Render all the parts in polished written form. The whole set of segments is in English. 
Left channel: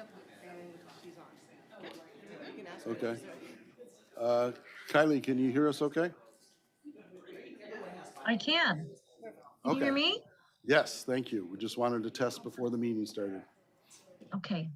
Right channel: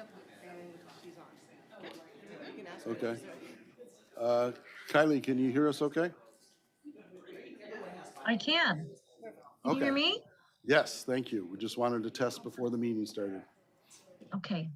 And she's on. You can ask her. Okay. Kylie, can you hear us okay? I can. Can you hear me? Yes, thank you. We just wanted to test before the meeting started. Okay.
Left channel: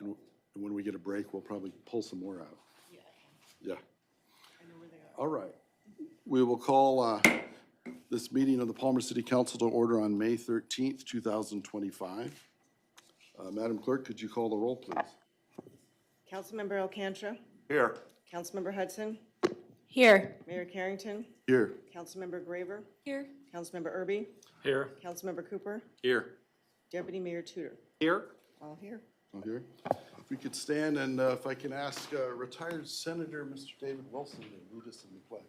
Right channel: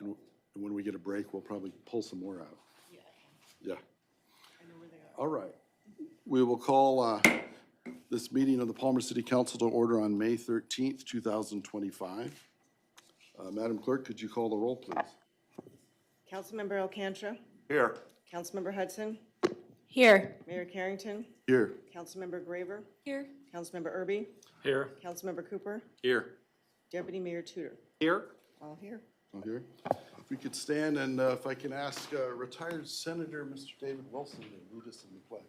And when we get a break, we'll probably pull some more out. Yeah. All right. We will call this meeting of the Palmer City Council to order on May 13th, 2025. Madam Clerk, could you call the roll, please? Councilmember Alcantra. Here. Councilmember Hudson. Here. Mayor Carrington. Here. Councilmember Graver. Here. Councilmember Erby. Here. Councilmember Cooper. Here. Deputy Mayor Tudor. Here. All here. All here. If we could stand and if I can ask retired Senator Mr. David Wilson to lead us in the pledge.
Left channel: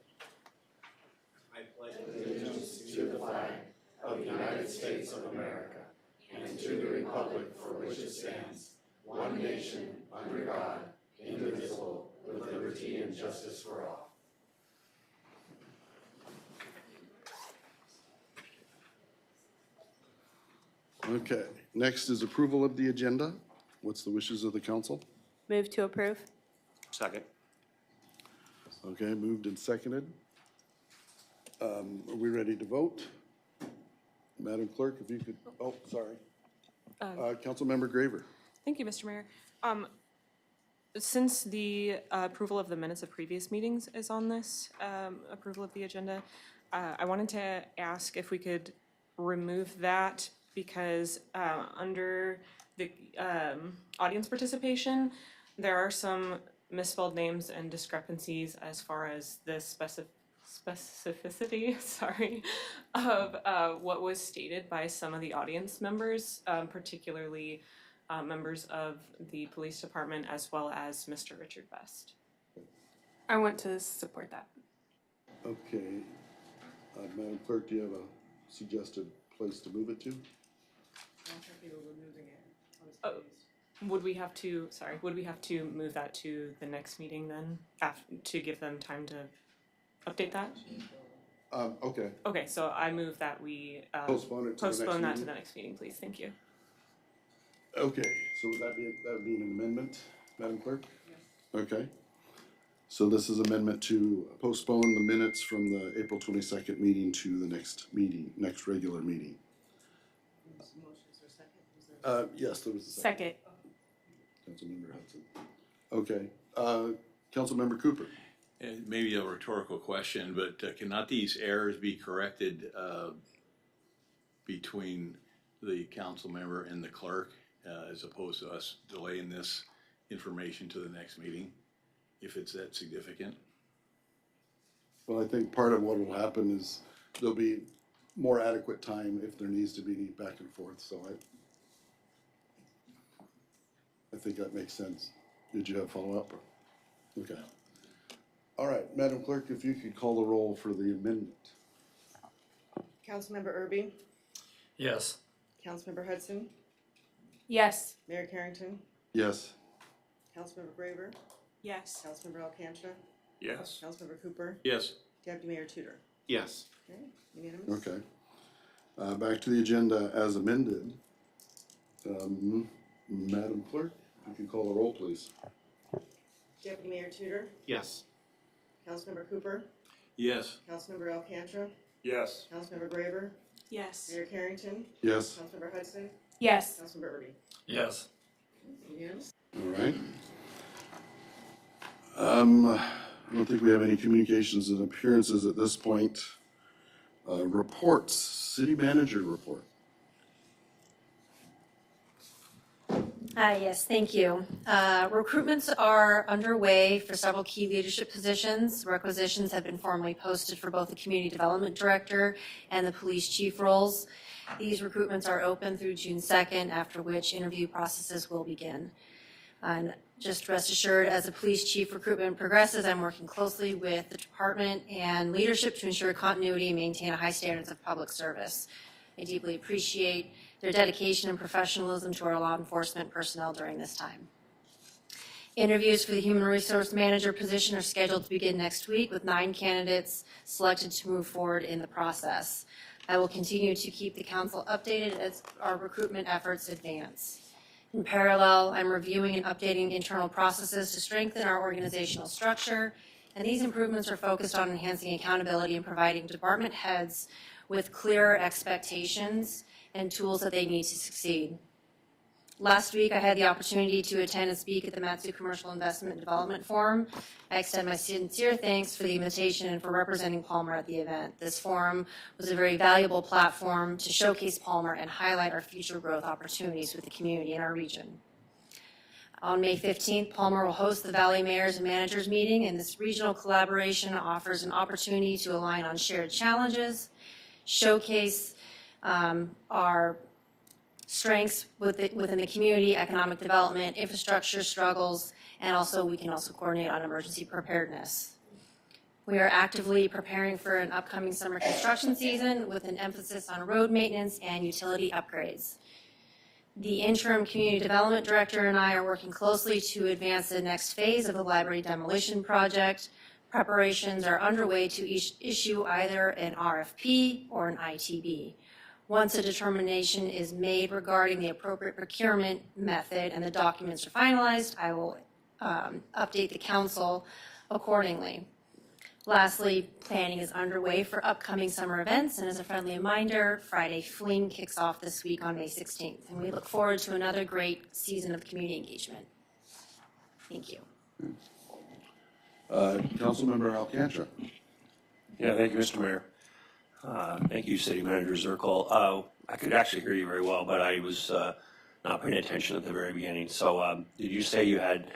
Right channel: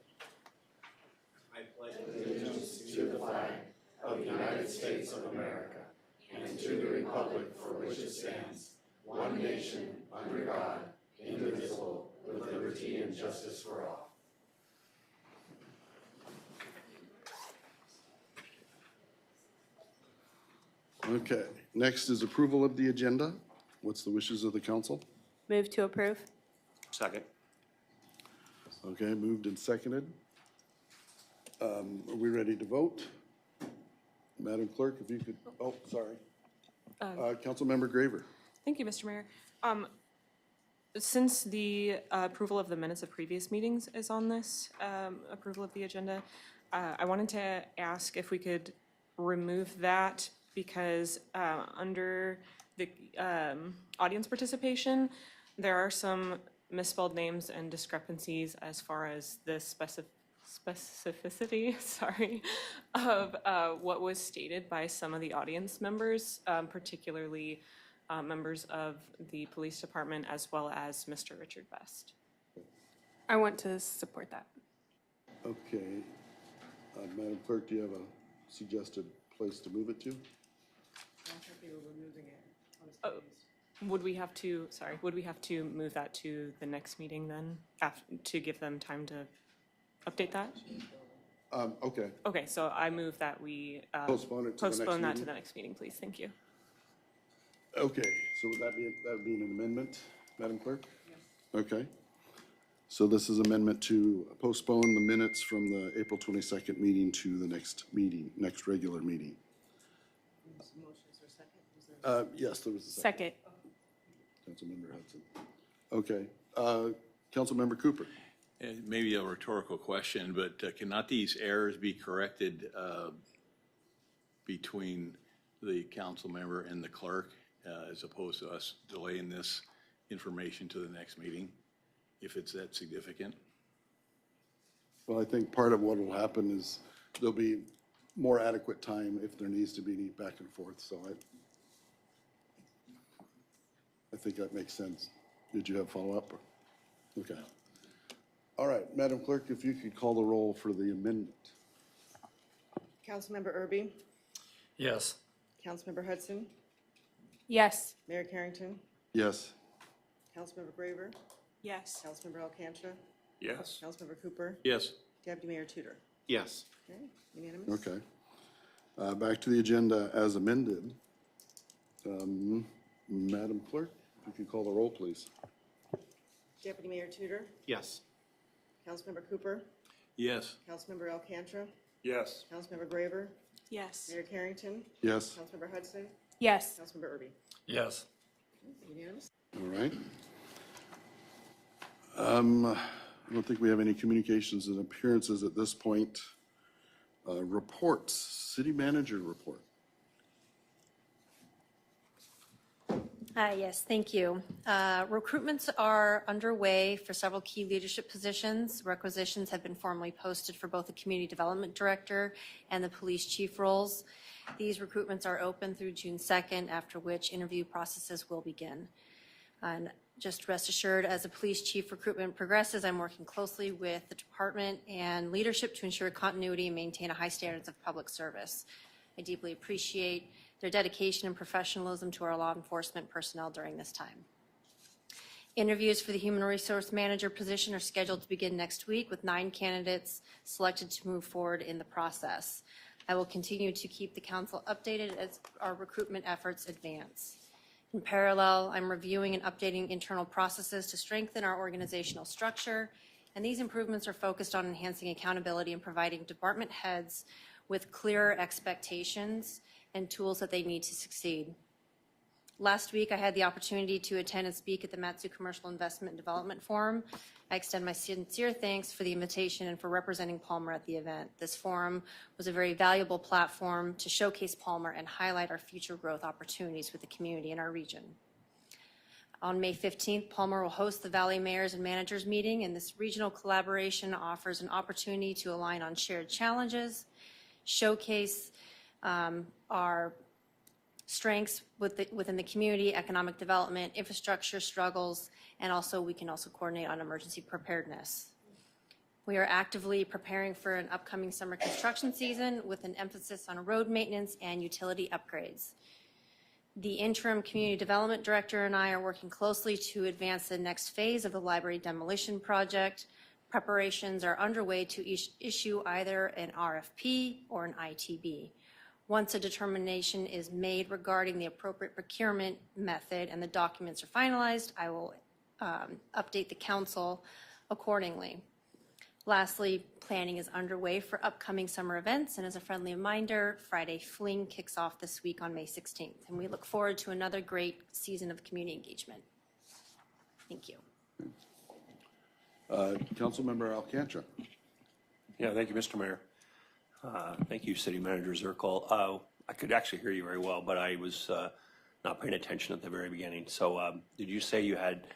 Okay, next is approval of the agenda. What's the wishes of the council? Move to approve. Second. Okay, moved and seconded. Are we ready to vote? Madam Clerk, if you could, oh, sorry. Councilmember Graver. Thank you, Mr. Mayor. Since the approval of the minutes of previous meetings is on this approval of the agenda, I wanted to ask if we could remove that because under the audience participation, there are some misspelled names and discrepancies as far as the specificity, sorry, of what was stated by some of the audience members, particularly members of the police department as well as Mr. Richard Best. I want to support that. Okay. Madam Clerk, do you have a suggested place to move it to? Would we have to move that to the next meeting then, to give them time to update that? Okay. Okay, so I move that we Postpone it to the next postpone that to meeting? the next meeting, please. Thank you. Okay, so would that be an amendment, Madam Clerk? Yes. Okay. So this is amendment to postpone the minutes from the April 22nd meeting to the next meeting, next regular meeting. Yes, there was a second. Second. Councilmember Hudson. Okay. Councilmember Cooper. Maybe a rhetorical question, but cannot these errors be corrected between the council member and the clerk, as opposed to us delaying this information to the next meeting, if it's that significant. Well, I think part of what will happen is there'll be more adequate time if there needs to be any back and forth, so I think that makes sense. Did you have follow-up? Okay. All right, Madam Clerk, if you could call the roll for the amendment. Councilmember Erby, Yes. Councilmember Hudson, Yes. Mayor Carrington, Yes. Councilmember Graver, Yes. Councilmember Alcantra, Yes. Councilmember Cooper, Yes. Deputy Mayor Tudor. Yes. Okay, unanimous? Okay. Back to the agenda as amended. Madam Clerk, if you could call the roll, please. Deputy Mayor Tudor, Yes. Councilmember Cooper, Yes. Councilmember Alcantra, Yes. Councilmember Graver, Yes. Mayor Carrington, Yes. Councilmember Hudson, Yes. Councilmember Erby. Yes. Unanimous? All right. I don't think we have any communications and appearances at this point. Reports, city manager report. Yes, thank you. Recruitments are underway for several key leadership positions. Requisitions have been formally posted for both the Community Development Director and the Police Chief roles. These recruitments are open through June 2nd, after which interview processes will begin. And just rest assured, as the Police Chief recruitment progresses, I'm working closely with the department and leadership to ensure continuity and maintain a high standards of public service. I deeply appreciate their dedication and professionalism to our law enforcement personnel during this time. Interviews for the Human Resource Manager position are scheduled to begin next week, with 9 candidates selected to move forward in the process. I will continue to keep the council updated as our recruitment efforts advance. In parallel, I'm reviewing and updating internal processes to strengthen our organizational structure, and these improvements are focused on enhancing accountability and providing department heads with clearer expectations and tools that they need to succeed. Last week, I had the opportunity to attend and speak at the Matsu Commercial Investment Development Forum. I extend my sincere thanks for the invitation and for representing Palmer at the event. This forum was a very valuable platform to showcase Palmer and highlight our future growth opportunities with the community in our region. On May 15th, Palmer will host the Valley Mayors and Managers meeting, and this regional collaboration offers an opportunity to align on shared challenges, showcase our strengths within the community, economic development, infrastructure struggles, and we can also coordinate on emergency preparedness. We are actively preparing for an upcoming summer construction season with an emphasis on road maintenance and utility upgrades. The interim community development director and I are working closely to advance the next phase of the library demolition project. Preparations are underway to issue either an RFP or an ITB. Once a determination is made regarding the appropriate procurement method and the documents are finalized, I will update the council accordingly. Lastly, planning is underway for upcoming summer events, and as a friendly reminder, Friday Fling kicks off this week on May 16th, and we look forward to another great season of community engagement. Thank you. Councilmember Alcantra. Yeah, thank you, Mr. Mayor. Thank you, City Manager Zirkle. I could actually hear you very well, but I was not paying attention at the very beginning. So did you say you had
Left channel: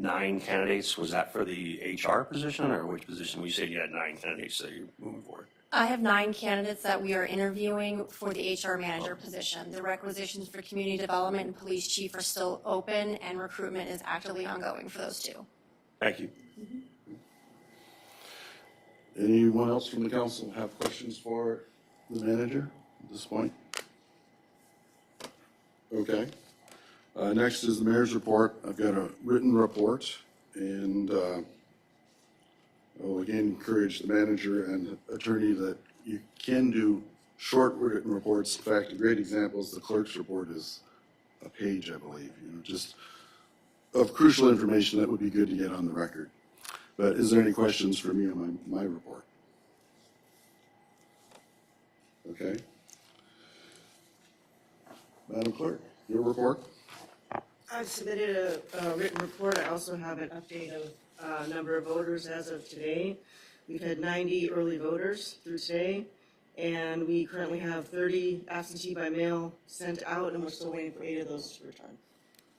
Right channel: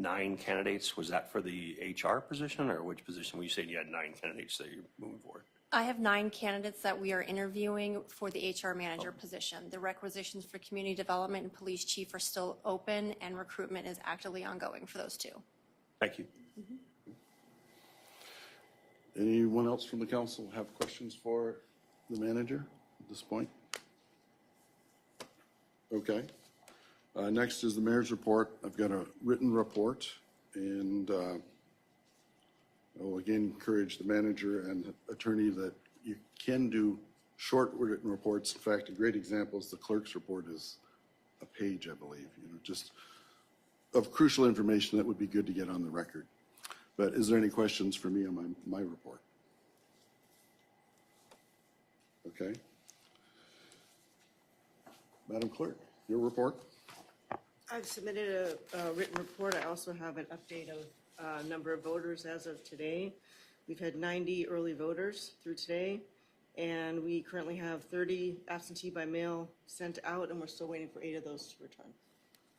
9 candidates? Was that for the HR position, or which position? You said you had 9 candidates that you're moving forward. I have 9 candidates that we are interviewing for the HR manager position. The requisitions for community development and police chief are still open, and recruitment is actively ongoing for those 2. Thank you. Anyone else from the council have questions for the manager at this point? Okay. Next is the mayor's report. I've got a written report, and I will again encourage the manager and attorney that you can do short written reports. In fact, a great example is the clerk's report is a page, I believe, just of crucial information that would be good to get on the record. But is there any questions for me on my report? Okay. Madam Clerk, your report? I've submitted a written report. I also have an update of number of voters as of today. We've had 90 early voters through today, And we currently have 30 absentee by mail sent out, and we're still waiting for 8 of those to return.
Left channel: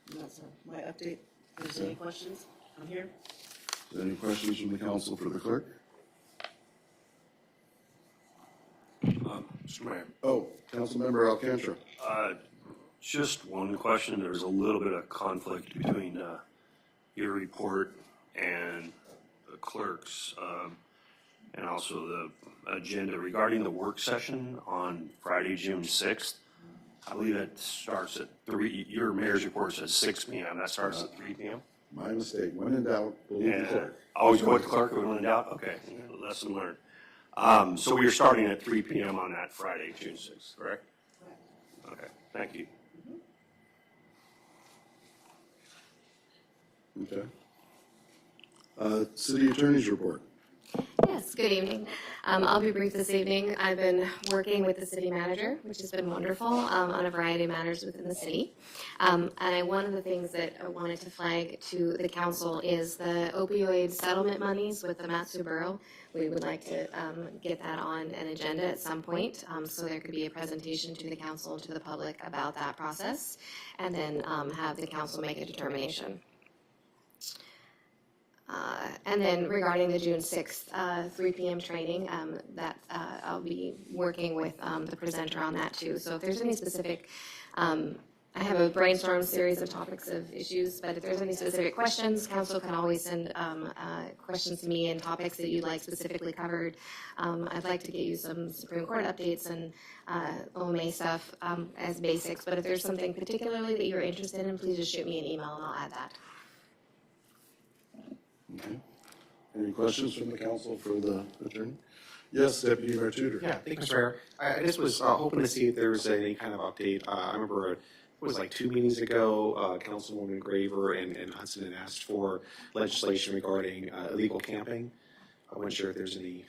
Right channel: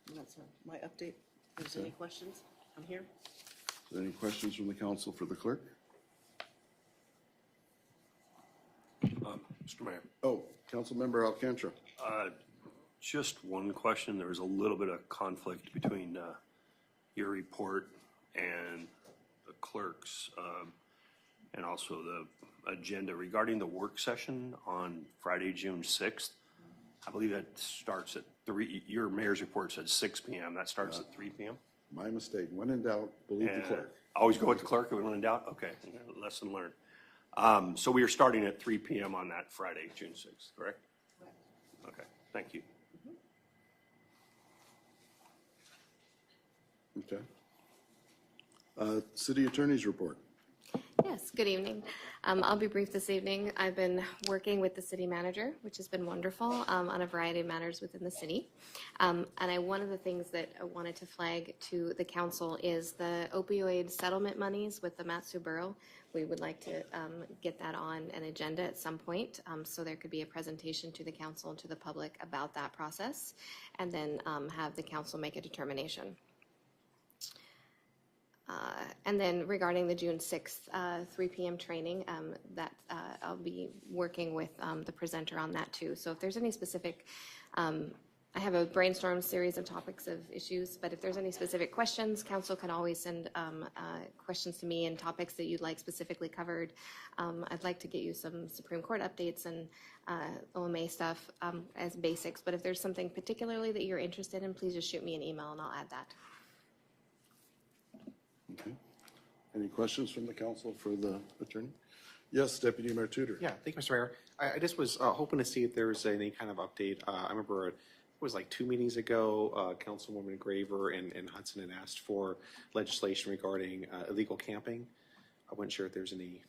And that's my update. If there's any questions, I'm here. Any questions from the council for the clerk? Mr. Mayor. Oh, Councilmember Alcantra. Just one question. There's a little bit of conflict between your report and the clerk's, and also the agenda regarding the work session on Friday, June 6th. I believe that starts at 3, your mayor's report says 6 p.m. That starts at 3 p.m. My mistake. When in doubt, believe the And clerk. always go with the clerk when in doubt? Okay, lesson learned. So we are starting at 3 p.m. on that Friday, June 6th, correct? Okay, thank you. Okay. City Attorney's report. Yes, good evening. I'll be brief this evening. I've been working with the city manager, which has been wonderful, on a variety of matters within the city. And one of the things that I wanted to flag to the council is the opioid settlement monies with the Matsu Borough. We would like to get that on an agenda at some point, so there could be a presentation to the council and to the public about that process, and then have the council make a determination. And then regarding the June 6th, 3 p.m. training, that I'll be working with the presenter on that too. So if there's any specific, I have a brainstorm series of topics of issues, but if there's any specific questions, council can always send questions to me and topics that you'd like specifically covered. I'd like to get you some Supreme Court updates and OMA stuff as basics, but if there's something particularly that you're interested in, please just shoot me an email and I'll add that. Okay. Any questions from the council for the attorney? Yes, Deputy Mayor Tudor. Yeah, thank you, Mr. Mayor. I just was hoping to see if there's any kind of update. I remember it was like 2 meetings ago, Councilwoman Graver and Hudson had asked for legislation regarding illegal camping. I wasn't sure if there's any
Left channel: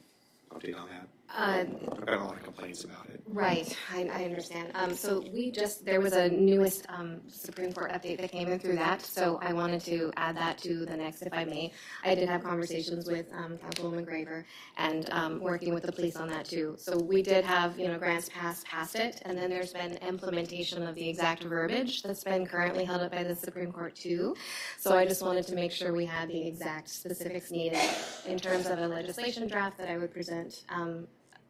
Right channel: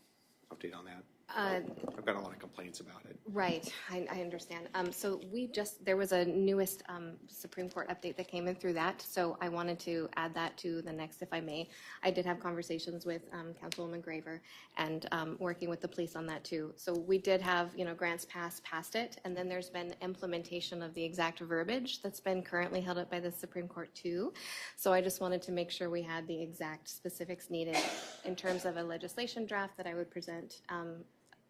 update on that. I've got a lot of complaints about it. Right, I understand. So there was a newest Supreme Court update that came in through that, so I wanted to add that to the next, if I may. I did have conversations with Councilwoman Graver and working with the police on that too. So we did have, grants passed past it, and then there's been implementation of the exact verbiage that's been currently held up by the Supreme Court too. So I just wanted to make sure we had the exact specifics needed in terms of a legislation draft that I would present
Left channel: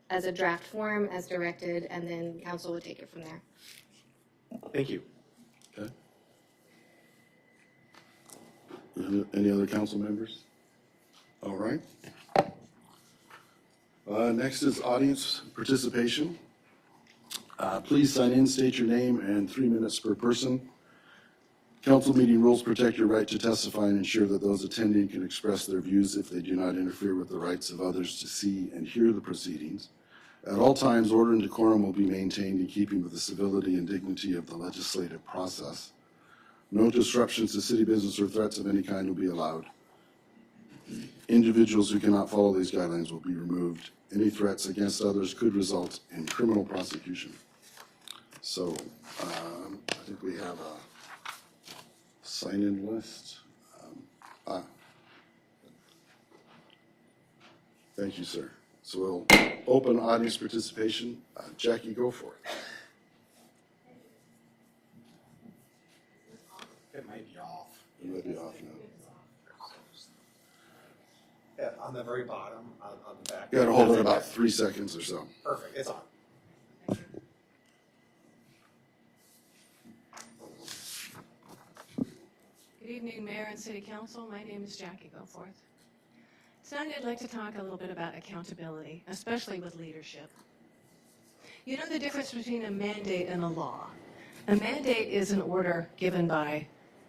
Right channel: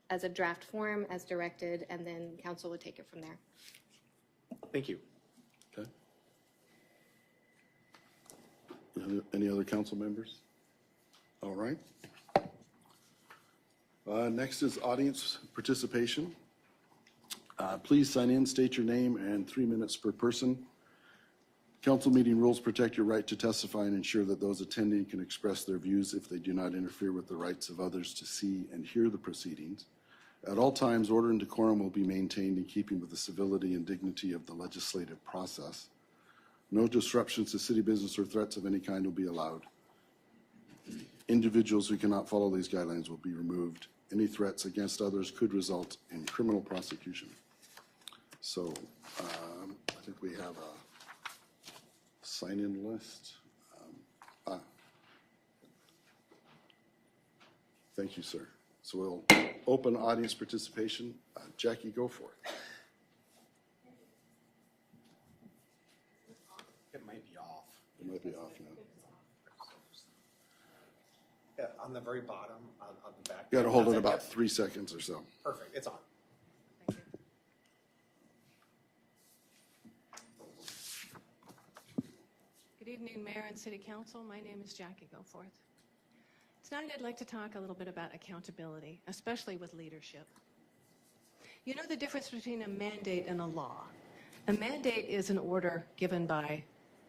as a draft form, as directed, and then council would take it from there. Thank you. Okay. Any other council members? All right. Next is audience participation. Please sign in, state your name, and 3 minutes per person. Council meeting rules protect your right to testify and ensure that those attending can express their views if they do not interfere with the rights of others to see and hear the proceedings. At all times, order and decorum will be maintained in keeping with the civility and dignity of the legislative process. No disruptions to city business or threats of any kind will be allowed. Individuals who cannot follow these guidelines will be removed. Any threats against others could result in criminal prosecution. So, I think we have a sign-in list. Thank you, sir. So we'll open audience participation. Jackie, go for it. It might be off. It might be off now. Yeah, on the very bottom, on the back. You gotta hold it about 3 seconds or so. Perfect, it's on. Good evening, Mayor and City Council. My name is Jackie Goforth. Tonight I'd like to talk a little bit about accountability, especially with leadership. You know the difference between a mandate and a law. A mandate is an order given by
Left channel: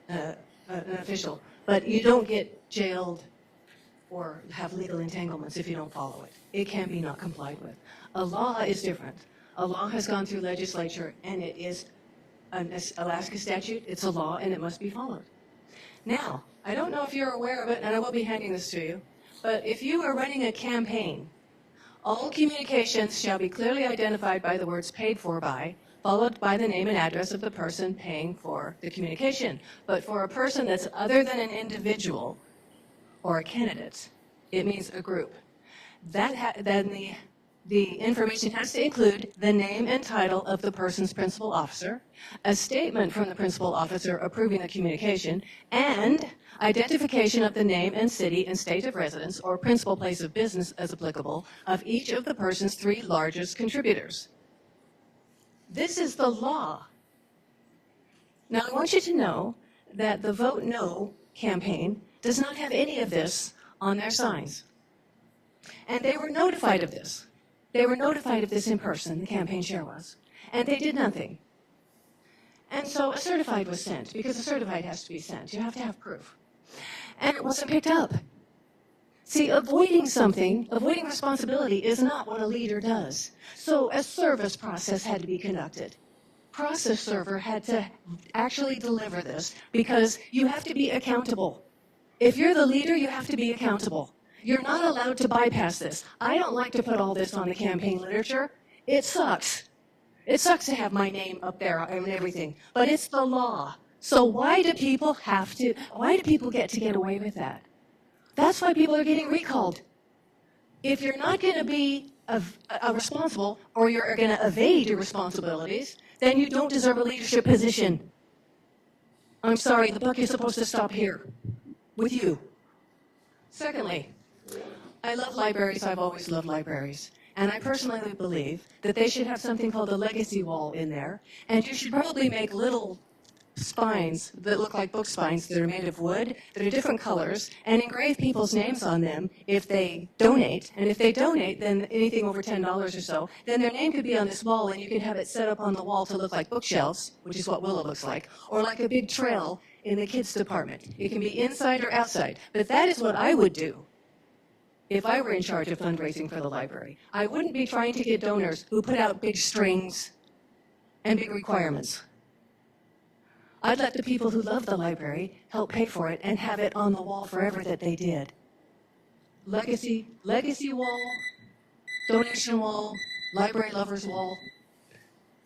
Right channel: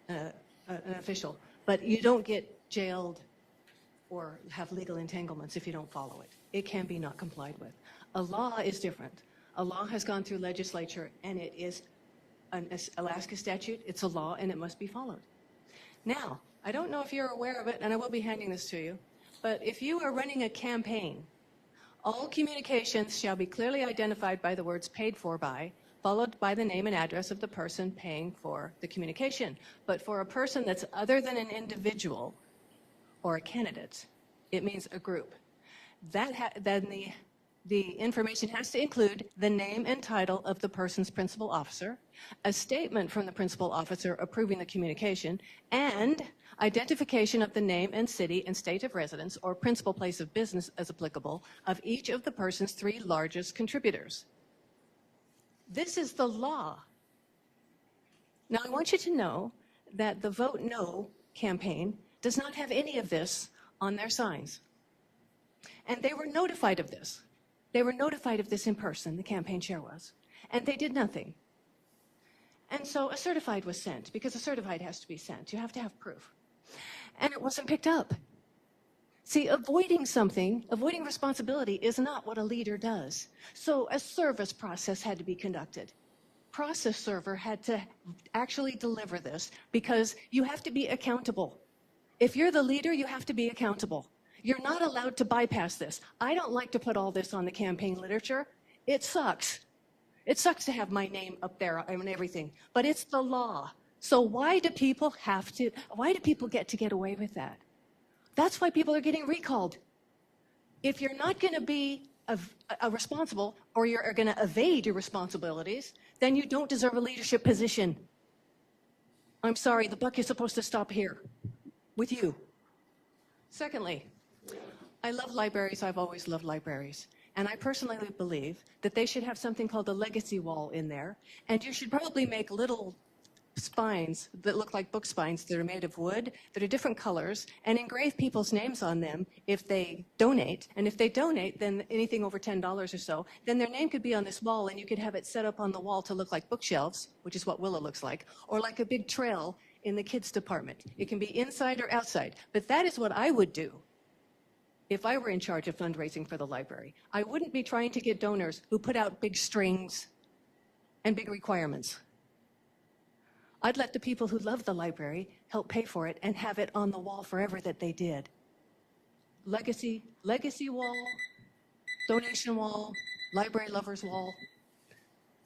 an official, but you don't get jailed or have legal entanglements if you don't follow it. It can be not complied with. A law is different. A law has gone through legislature and it is an Alaska statute, it's a law and it must be followed. Now, I don't know if you're aware of it, and I will be handing this to you, but if you are running a campaign, all communications shall be clearly identified by the words paid for by, followed by the name and address of the person paying for the communication. But for a person that's other than an individual or a candidate, it means a group. Then the The information has to include the name and title of the person's principal officer, a statement from the principal officer approving the communication, and identification of the name and city and state of residence or principal place of business as applicable of each of the person's 3 largest contributors. This is the law. Now, I want you to know that the Vote No campaign does not have any of this on their signs. And they were notified of this. They were notified of this in person, the campaign chair was, and they did nothing. And so a certified was sent, because a certified has to be sent. You have to have proof. And it wasn't picked up. See, avoiding responsibility is not what a leader does. So a service process had to be conducted. Process server had to actually deliver this, because you have to be accountable. If you're the leader, you have to be accountable. You're not allowed to bypass this. I don't like to put all this on the campaign literature. It sucks. It sucks to have my name up there and everything, but it's the law. So why do people get to get away with that? That's why people are getting recalled. If you're not going to be responsible, or you're going to evade your responsibilities, then you don't deserve a leadership position. I'm sorry, the buck is supposed to stop here with you. Secondly, I love libraries. I've always loved libraries. And I personally believe that they should have something called a legacy wall in there. And you should probably make little spines that look like book spines that are made of wood, that are different colors, and engrave people's names on them if they donate. And if they donate, then anything over $10 or so, then their name could be on this wall, and you could have it set up on the wall to look like bookshelves, which is what Willow looks like, or like a big trail in the kids department. It can be inside or outside. But that is what I would do if I were in charge of fundraising for the library. I wouldn't be trying to get donors who put out big strings and big requirements. I'd let the people who love the library help pay for it and have it on the wall forever that they did. Legacy wall, donation wall, library lovers wall.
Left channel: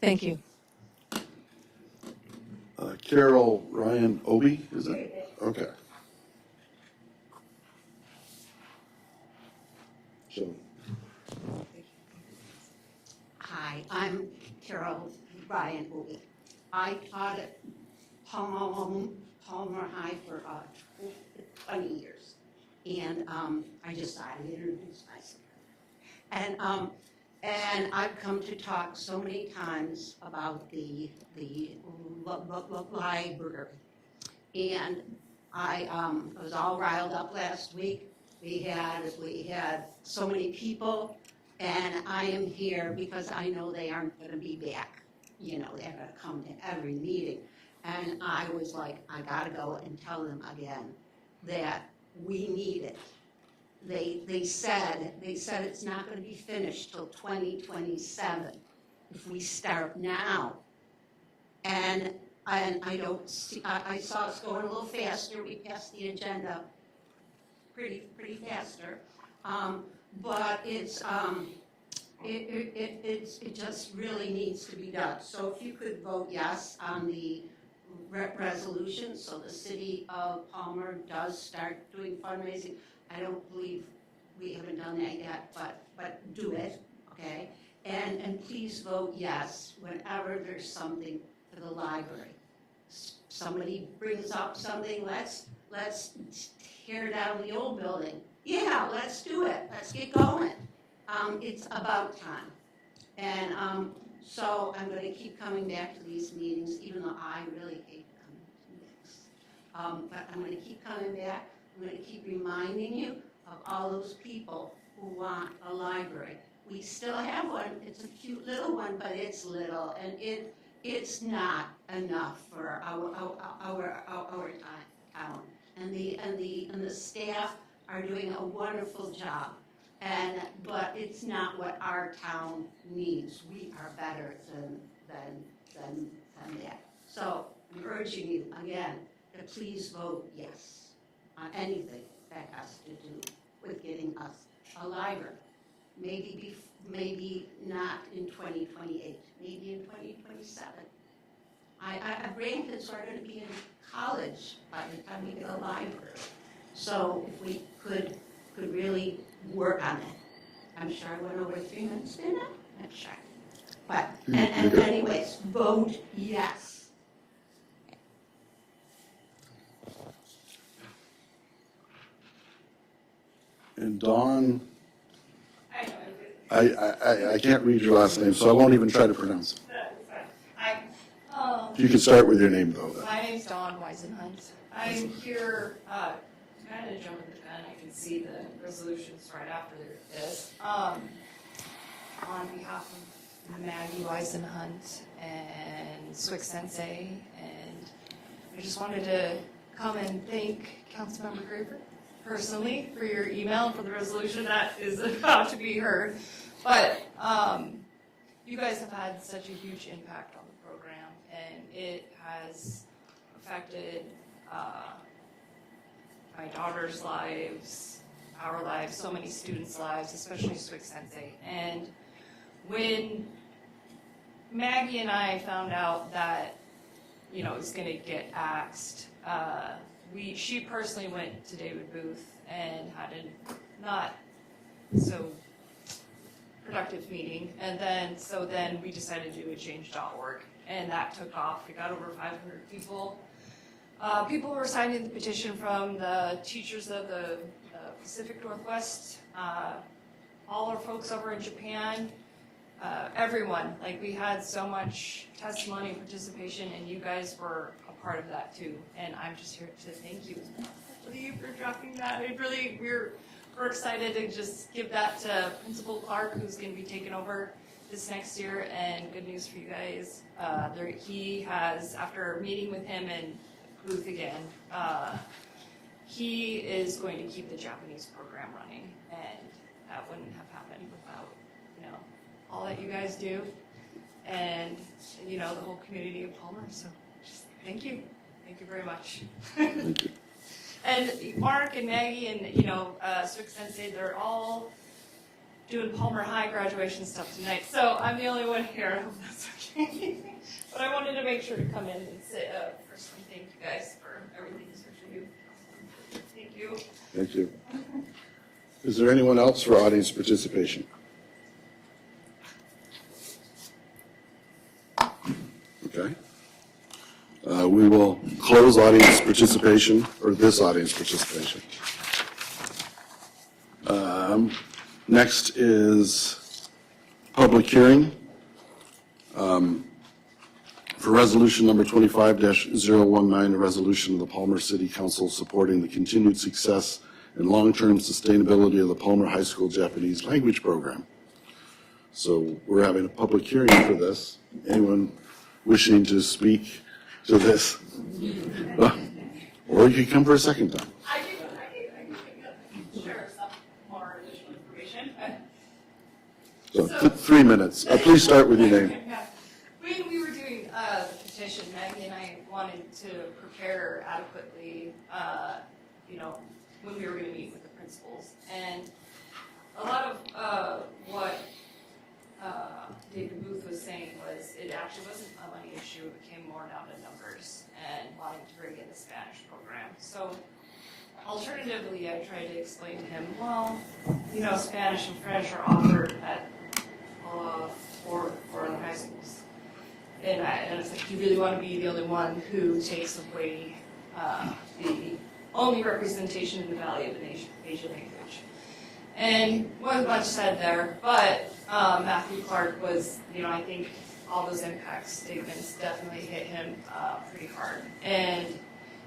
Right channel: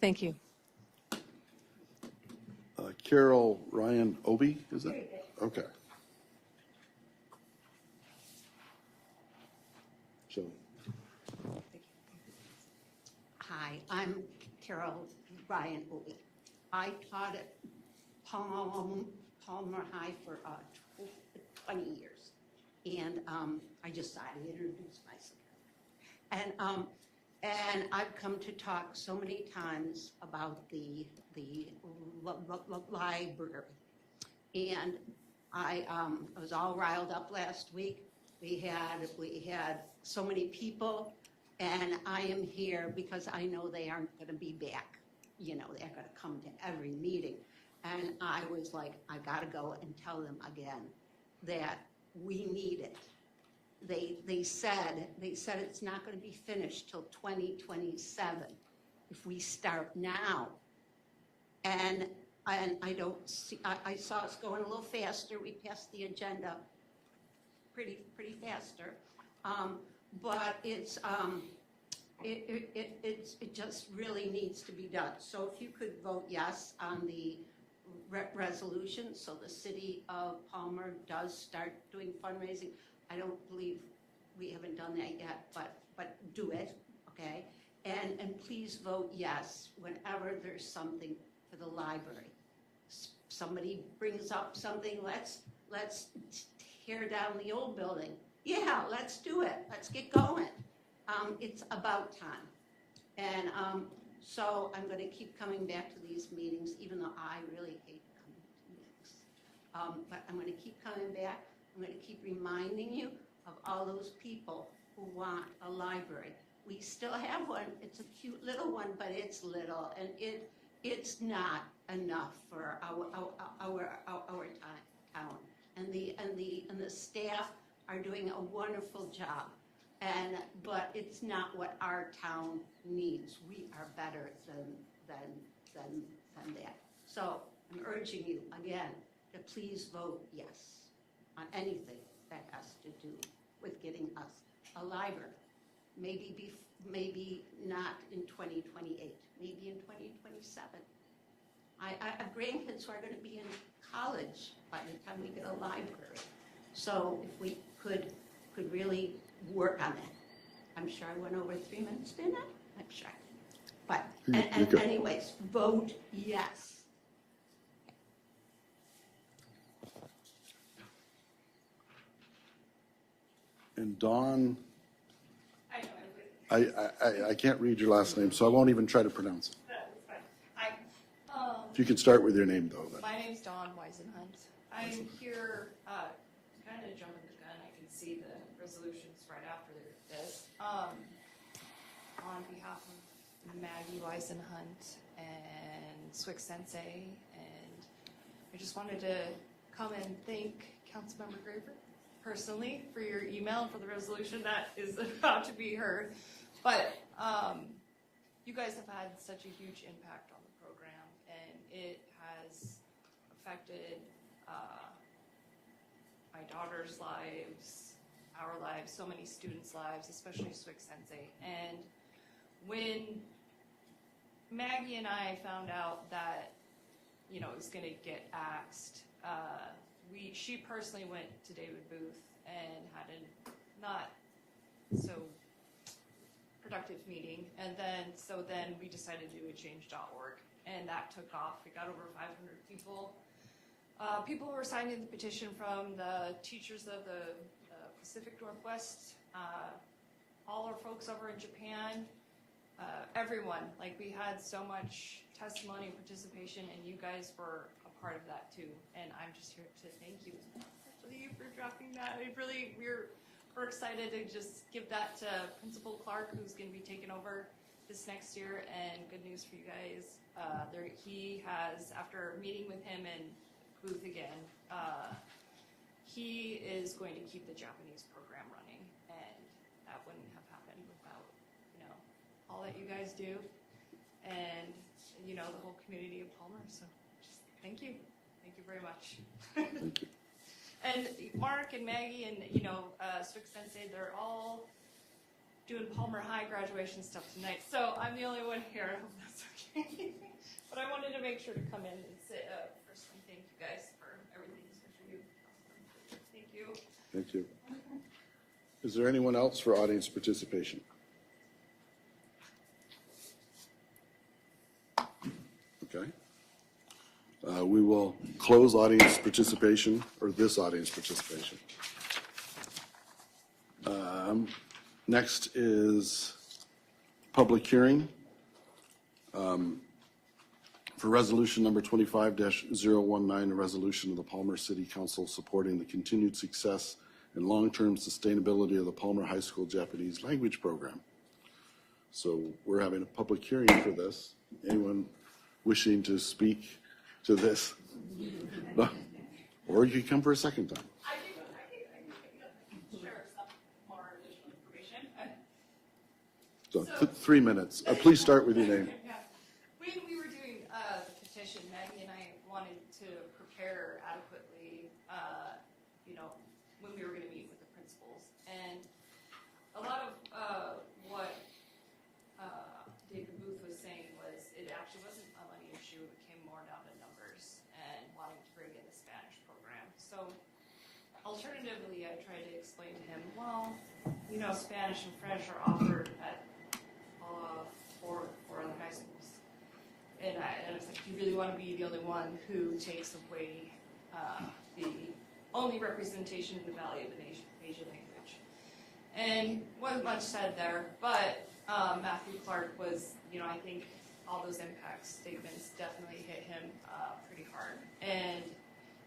Thank you. Carol Ryan Obi, is that? Okay. So, Hi, I'm Carol Ryan Obi. I taught at Palmer High for 20 years. And I just thought I'd introduce myself. And I've come to talk so many times about the library. And I was all riled up last week. We had so many people, and I am here because I know they aren't going to be back. You know, they're going to come to every meeting. And I was like, I gotta go and tell them again that we need it. They said it's not going to be finished till 2027 if we start now. And I don't see. I saw us going a little faster. We passed the agenda pretty faster, but it just really needs to be done. So if you could vote yes on the resolution, so the city of Palmer does start doing fundraising. I don't believe we haven't done that yet, but do it, okay? And please vote yes whenever there's something for the library. Somebody brings up something, let's tear down the old building. Yeah, let's do it. Let's get going. It's about time. And so I'm going to keep coming back to these meetings, even though I really hate coming to meetings. But I'm going to keep coming back. I'm going to keep reminding you of all those people who want a library. We still have one. It's a cute little one, but it's little, and it's not enough for our town. And the staff are doing a wonderful job. But it's not what our town needs. We are better than that. So I'm urging you again to please vote yes on anything that has to do with getting us a library. Maybe not in 2028, maybe in 2027. Our grandkids are going to be in college by the time we get a library. So if we could really work on it. I'm sure I went over 3 minutes, didn't I? I'm sure. But, You're and good. anyways, vote yes. And Dawn, I can't read your last name, so I won't even try to pronounce it. If you can start with your name, though. My name's Dawn Weisenhunt. I'm here, kind of jumping the gun, I can see the resolutions right after this. On behalf of Maggie Weisenhunt and Swick Sensei, and I just wanted to come and thank Councilmember Graver personally for your email for the resolution that is about to be heard. But you guys have had such a huge impact on the program, and it has affected my daughter's lives, our lives, so many students' lives, especially Swick Sensei. And when Maggie and I found out that, you know, it was going to get axed, she personally went to David Booth and had a not so productive meeting, and then we decided to do a change.org, and that took off. We got over 500 people. People were signing the petition from the teachers of the Pacific Northwest, all our folks over in Japan, everyone. Like, we had so much testimony and participation, and you guys were a part of that too. And I'm just here to thank you for dropping that. We're excited to just give that to Principal Clark, who's going to be taking over this next year. And good news for you guys, he has, after meeting with him and Booth again, he is going to keep the Japanese program running, and that wouldn't have happened without, you know, all that you guys do, and you know, the whole community of Palmer. So just thank you very much. Thank you. And Mark and Maggie and, you know, Swick Sensei, they're all doing Palmer High graduation stuff tonight. So I'm the only one here. I hope that's okay. But I wanted to make sure to come in and say, personally, thank you guys for everything you do. Thank you. Thank you. Is there anyone else for audience participation? Okay. We will close audience participation, or this audience participation. Next is public hearing for resolution number 25-019, a resolution of the Palmer City Council supporting the continued success and long-term sustainability of the Palmer High School Japanese language program. So we're having a public hearing for this. Anyone wishing to speak to this? Or you can come for a second time. I can share some more additional information. So 3 minutes. Please start with your name. When we were doing the petition, Maggie and I wanted to prepare adequately, you know, when we were going to meet with the principals. And a lot of what David Booth was saying was it actually wasn't a money issue. It came more down to numbers and wanting to bring in the Spanish program. So alternatively, I tried to explain to him, well, you know, Spanish and French are offered at four other high schools. And I was like, you really want to be the only one who takes away the only representation in the Valley of the Asian language. And wasn't much said there, but Matthew Clark was, you know, I think all those impact statements definitely hit him pretty hard. And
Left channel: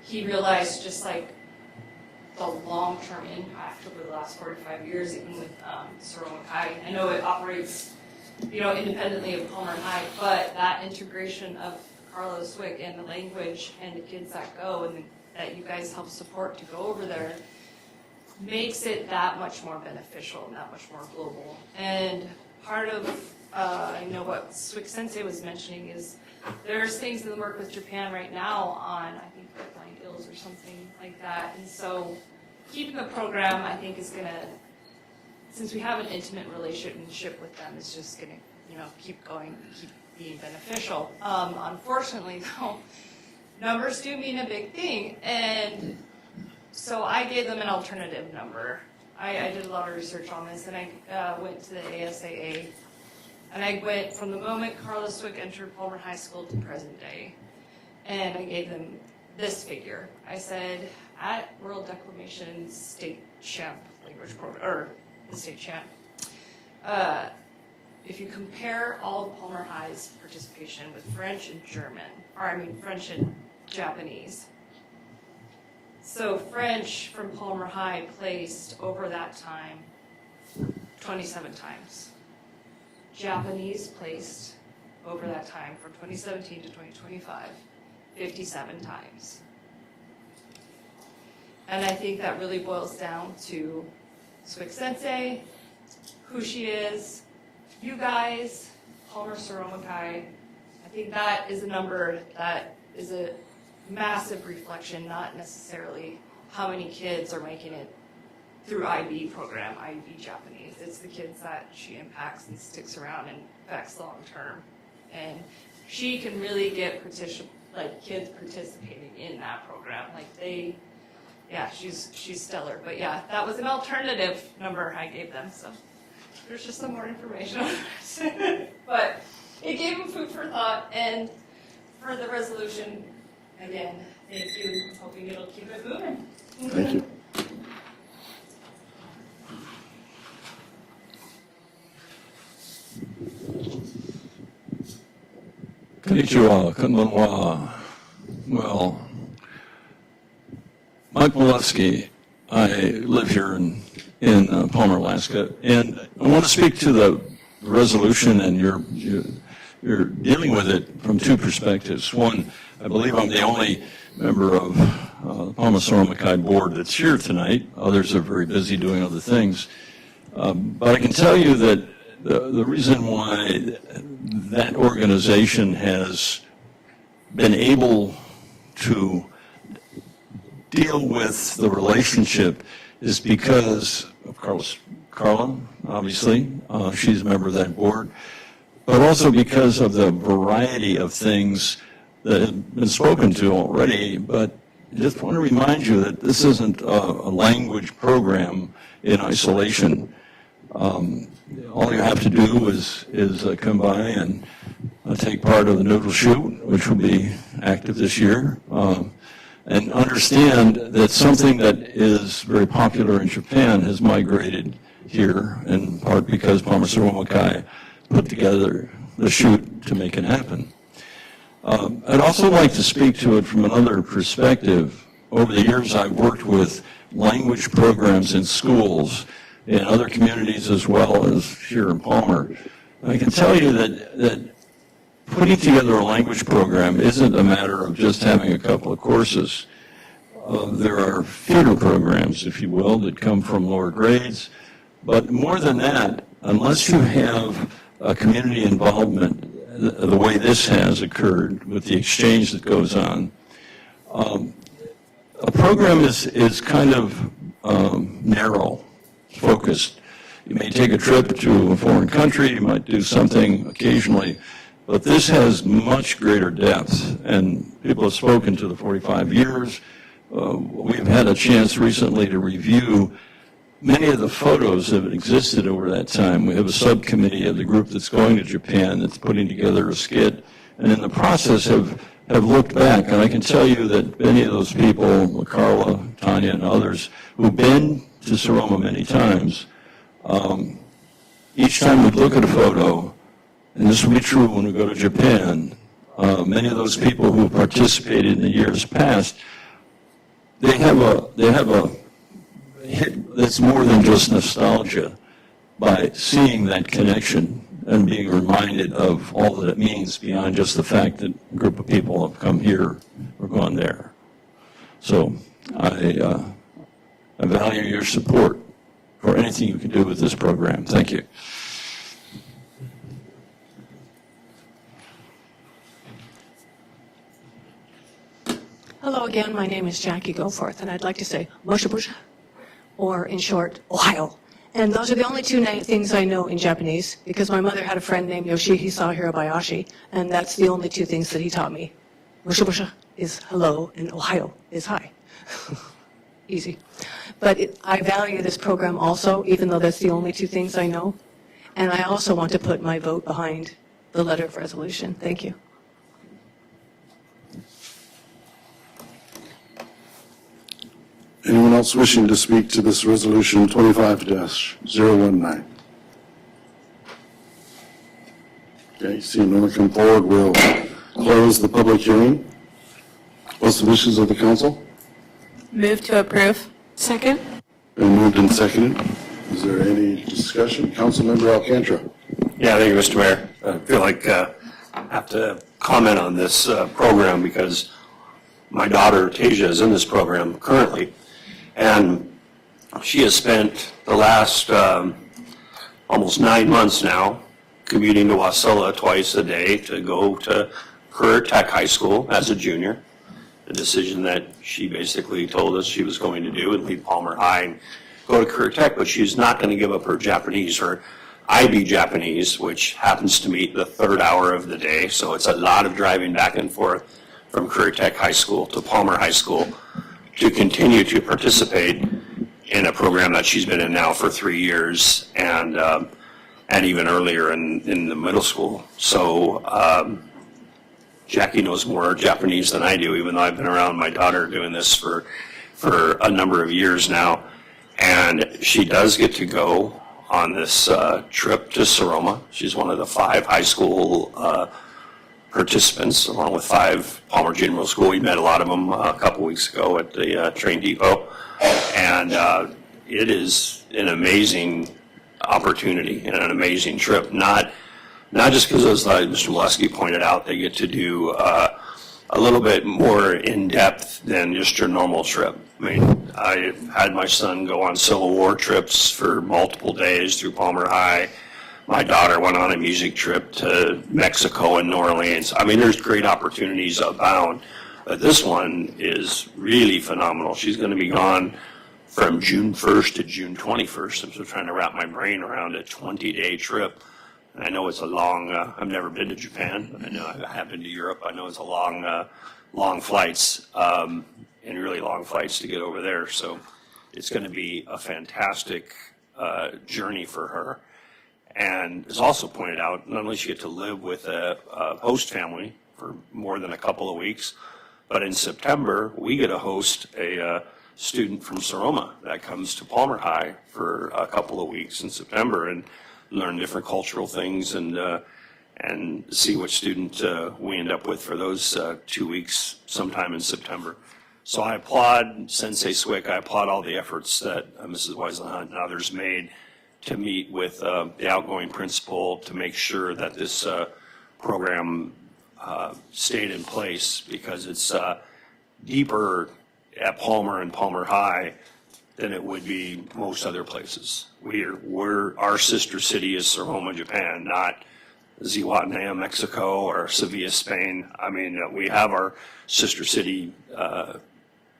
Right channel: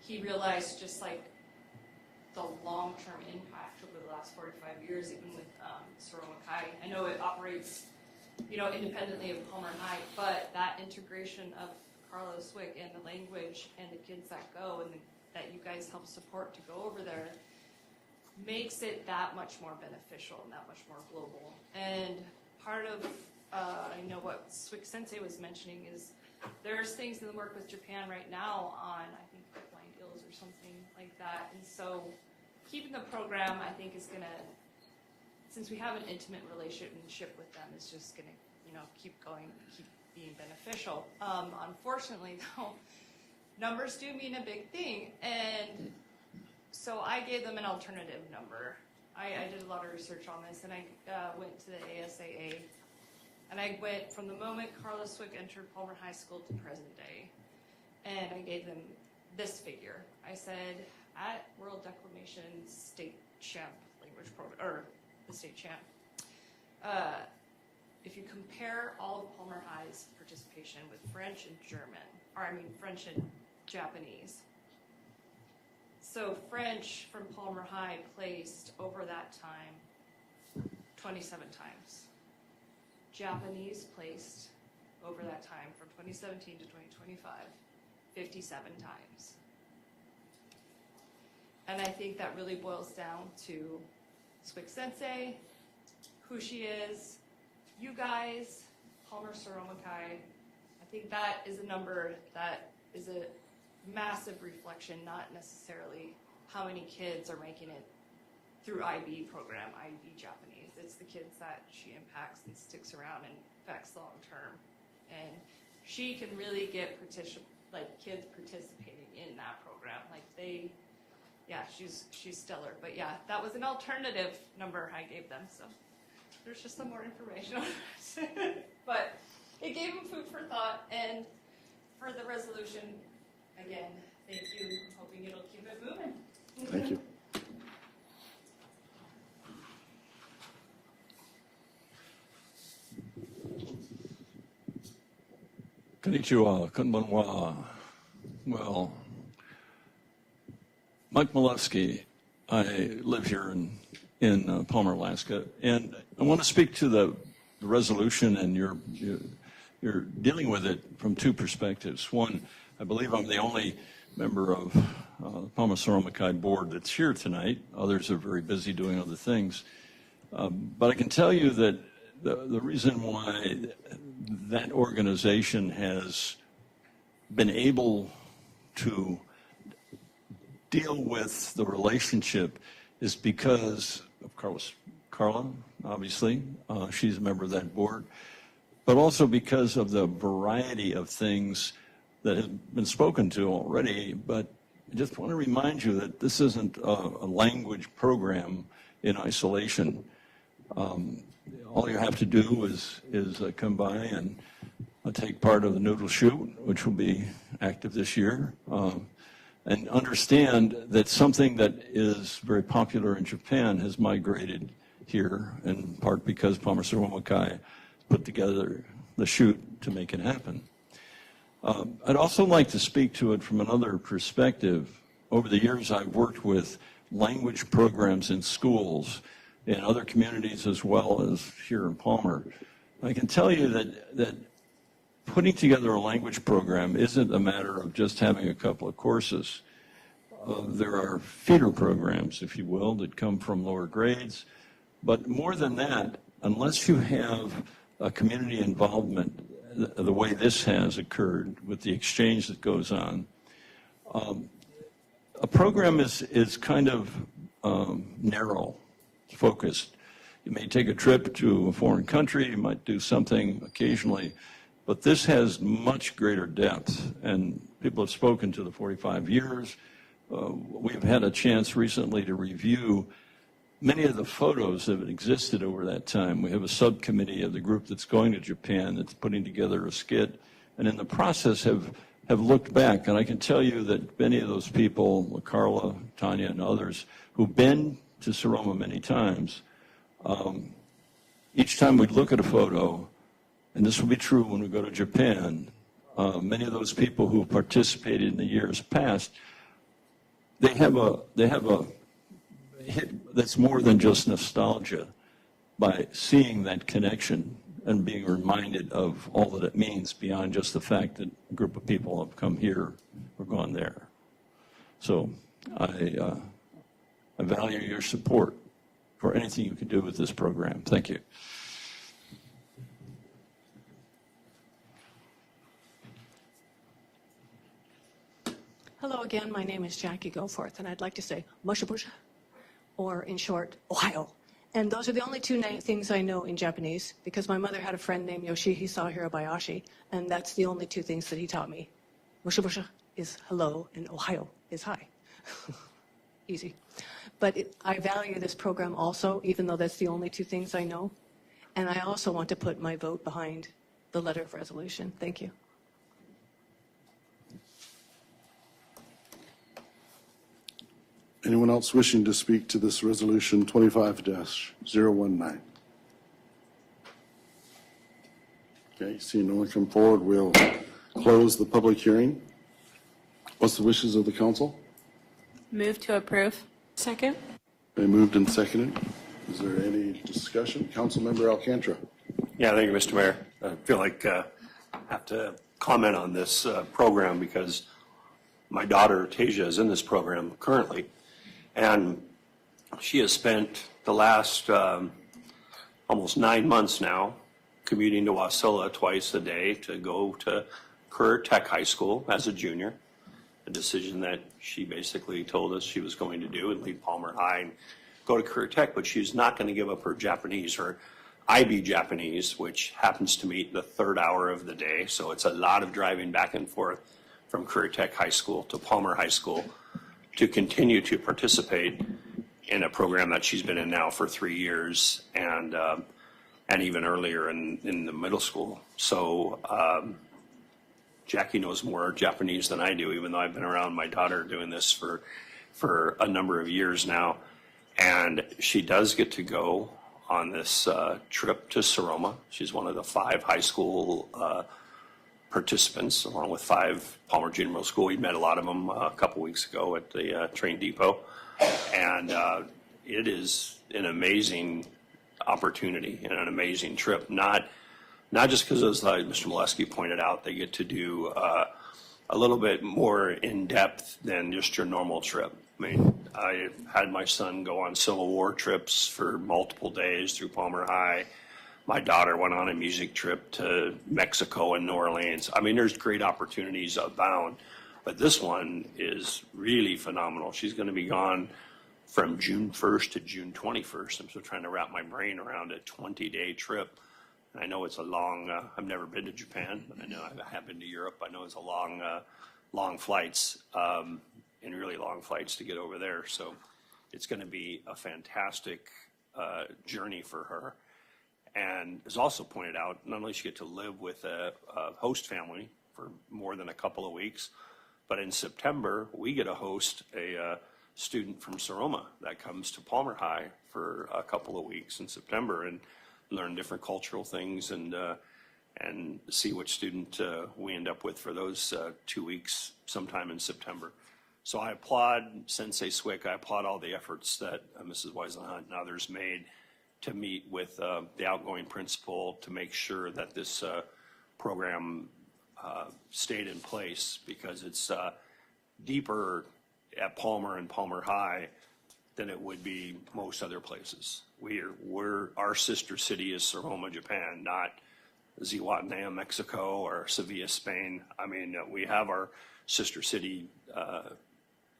he realized just like the long-term impact over the last 45 years, even with Saroma Kai. I know it operates, you know, independently of Palmer High, but that integration of Carlos Swick and the language and the kids that go and that you guys help support to go over there makes it that much more beneficial and that much more global. And part of, I know what Swick Sensei was mentioning is there's things in the work with Japan right now on, I think, Grapevine Hills or something like that. And so keeping the program, I think, is going to, since we have an intimate relationship with them, it's just going to, you know, keep going, keep being beneficial. Unfortunately, though, numbers do mean a big thing. And so I gave them an alternative number. I did a lot of research on this, and I went to the ASAA. And I went from the moment Carla Swick entered Palmer High School to present day. And I gave them this figure. I said, at World Declamation State Champ language program, or the state champ, if you compare all of Palmer High's participation with French and French and Japanese. So French from Palmer High placed over that time 27 times. Japanese placed over that time from 2017 to 2025 57 times. And I think that really boils down to Swick Sensei, who she is, you guys, Palmer Sonoma Kai. I think that is a number that is a massive reflection, not necessarily how many kids are making it through IB program, IB Japanese. It's the kids that she impacts and sticks around and affects long term. And she can really get kids participating in that program. She's stellar. But yeah, that was an alternative number I gave them. So there's just some more information on it. But it gave them food for thought. And for the resolution, again, thank you. Hoping it'll keep it moving. Thank you. Konnichiwa, konbanwa. Well, Mike Molesky, I live here in Palmer, Alaska, and I want to speak to the resolution, and you're dealing with it from two perspectives. One, I believe I'm the only member of the Palmer Sonoma Kai board that's here tonight. Others are very busy doing other things. But I can tell you that the reason why that organization has been able to deal with the relationship is because of Carla, obviously. She's a member of that board. But also because of the variety of things that have been spoken to already. But I just want to remind you that this isn't a language program in isolation. All you have to do is come by and take part of the Noodle Shoot, which will be active this year, and understand that something that is very popular in Japan has migrated here, in part because Palmer Sonoma Kai put together the shoot to make it happen. I'd also like to speak to it from another perspective. Over the years, I've worked with language programs in schools in other communities as well as here in Palmer. I can tell you that putting together a language program isn't a matter of just having a couple of courses. There are feeder programs, if you will, that come from lower grades. But more than that, unless you have a community involvement the way this has occurred with the exchange that goes on, a program is kind of narrow, focused. You may take a trip to a foreign country, you might do something occasionally, but this has much greater depth, and people have spoken to the 45 years. We've had a chance recently to review many of the photos that have existed over that time. We have a subcommittee of the group that's going to Japan that's putting together a skit, and in the process have looked back, and I can tell you that many of those people, Carla, Tanya, and others, who've been to Soroma many times, each time we look at a photo, and this will be true when we go to Japan, many of those people who participated in the years past, they have a hit that's more than just nostalgia by seeing that connection and being reminded of all that it means beyond just the fact that a group of people have come here or gone there. So I value your support for anything you can do with this program. Thank you. Hello again, my name is Jackie Goforth, and I'd like to say Moshabusha, or in short, Ohio. And those are the only two things I know in Japanese, because my mother had a friend named Yoshihisa Hirabayashi, and that's the only two things that he taught me. Moshabusha is hello, and Ohio is hi. Easy. But I value this program also, even though that's the only two things I know. And I also want to put my vote behind the letter of resolution. Thank you. Anyone else wishing to speak to this resolution 25-019? Okay, seeing no one come forward, we'll close the public hearing. What's the wishes of the council? Move to approve. Second? Been moved and seconded. Is there any discussion? Councilmember Alcantara. Yeah, thank you, Mr. Mayor. I feel like I have to comment on this program because my daughter, Tasia, is in this program currently. And she has spent the last almost 9 months now commuting to Wasilla twice a day to go to Career Tech High School as a junior. A decision that she basically told us she was going to do and leave Palmer High and go to Career Tech, but she's not going to give up her Japanese, her IB Japanese, which happens to meet the 3rd hour of the day. So it's a lot of driving back and forth from Career Tech High School to Palmer High School to continue to participate in a program that she's been in now for 3 years and even earlier in the middle school. So Jackie knows more Japanese than I do, even though I've been around my daughter doing this for a number of years now. And she does get to go on this trip to Soroma. She's one of the 5 high school participants, along with 5 Palmer Junior Middle School. We met a lot of them a couple weeks ago at the train depot. And it is an amazing opportunity and an amazing trip. Not just because, as Mr. Molesky pointed out, they get to do a little bit more in-depth than just your normal trip. I mean, I had my son go on Civil War trips for multiple days through Palmer High. My daughter went on a music trip to Mexico and New Orleans. I mean, there's great opportunities abound, but this one is really phenomenal. She's going to be gone from June 1st to June 21st. I'm still trying to wrap my brain around a 20-day trip. I know it's a long, I've never been to Japan, but I know I have been to Europe. I know it's a long flights, and really long flights to get over there. So it's going to be a fantastic journey for her. And as also pointed out, not only does she get to live with a host family for more than a couple of weeks, but in September, we get to host a student from Soroma that comes to Palmer High for a couple of weeks in September and learn different cultural things and see what student we end up with for those 2 weeks sometime in September. So I applaud Sensei Swick. I applaud all the efforts that Mrs. Weiselhunt and others made to meet with the outgoing principal to make sure that this program stayed in place, because it's deeper at Palmer and Palmer High than it would be most other places. Our sister city is Soroma, Japan, not Zihuatanejo, Mexico, or Sevilla, Spain. I mean, we have our sister city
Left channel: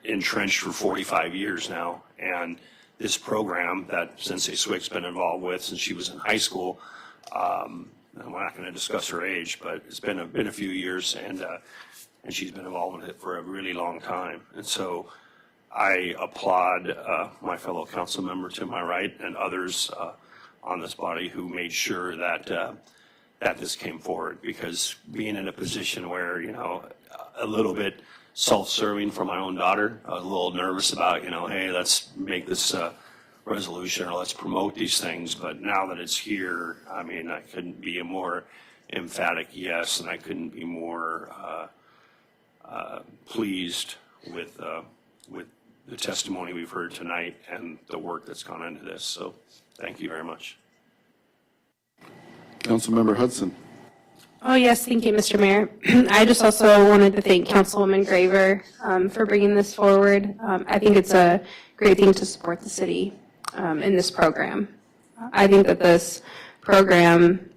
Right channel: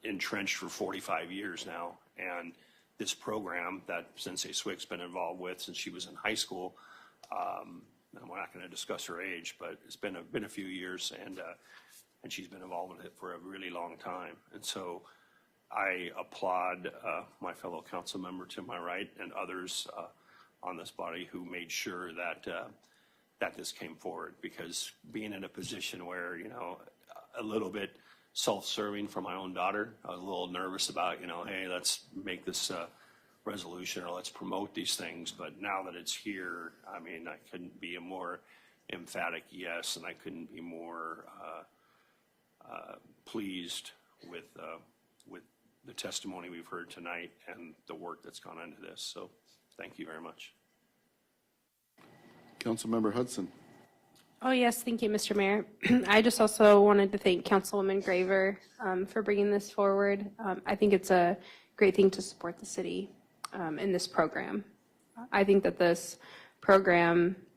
entrenched for 45 years now, and this program that Sensei Swick's been involved with since she was in high school, we're not going to discuss her age, but it's been a few years, and she's been involved with it for a really long time. And so I applaud my fellow council member to my right and others on this body who made sure that this came forward, because being in a position where, a little bit self-serving for my own daughter, I was a little nervous about, hey, let's make this resolution or let's promote these things. But now that it's here, I mean, I couldn't be a more emphatic yes, and I couldn't be more pleased with the testimony we've heard tonight and the work that's gone into this. So thank you very much. Councilmember Hudson. Oh, yes, thank you, Mr. Mayor. I just also wanted to thank Councilwoman Graver for bringing this forward. I think it's a great thing to support the city in this program. I think that this program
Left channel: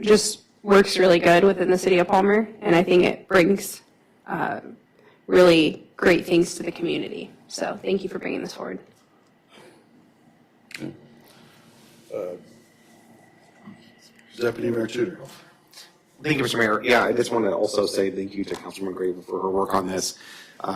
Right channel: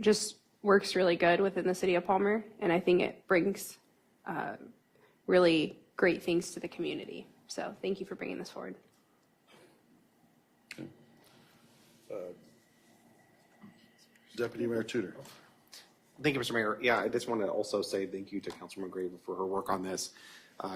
just works really good within the city of Palmer, and I think it brings really great things to the community. So thank you for bringing this forward. Deputy Mayor Tudor. Thank you, Mr. Mayor. Yeah, I just want to also say thank you to Councilwoman Graver for her work on this.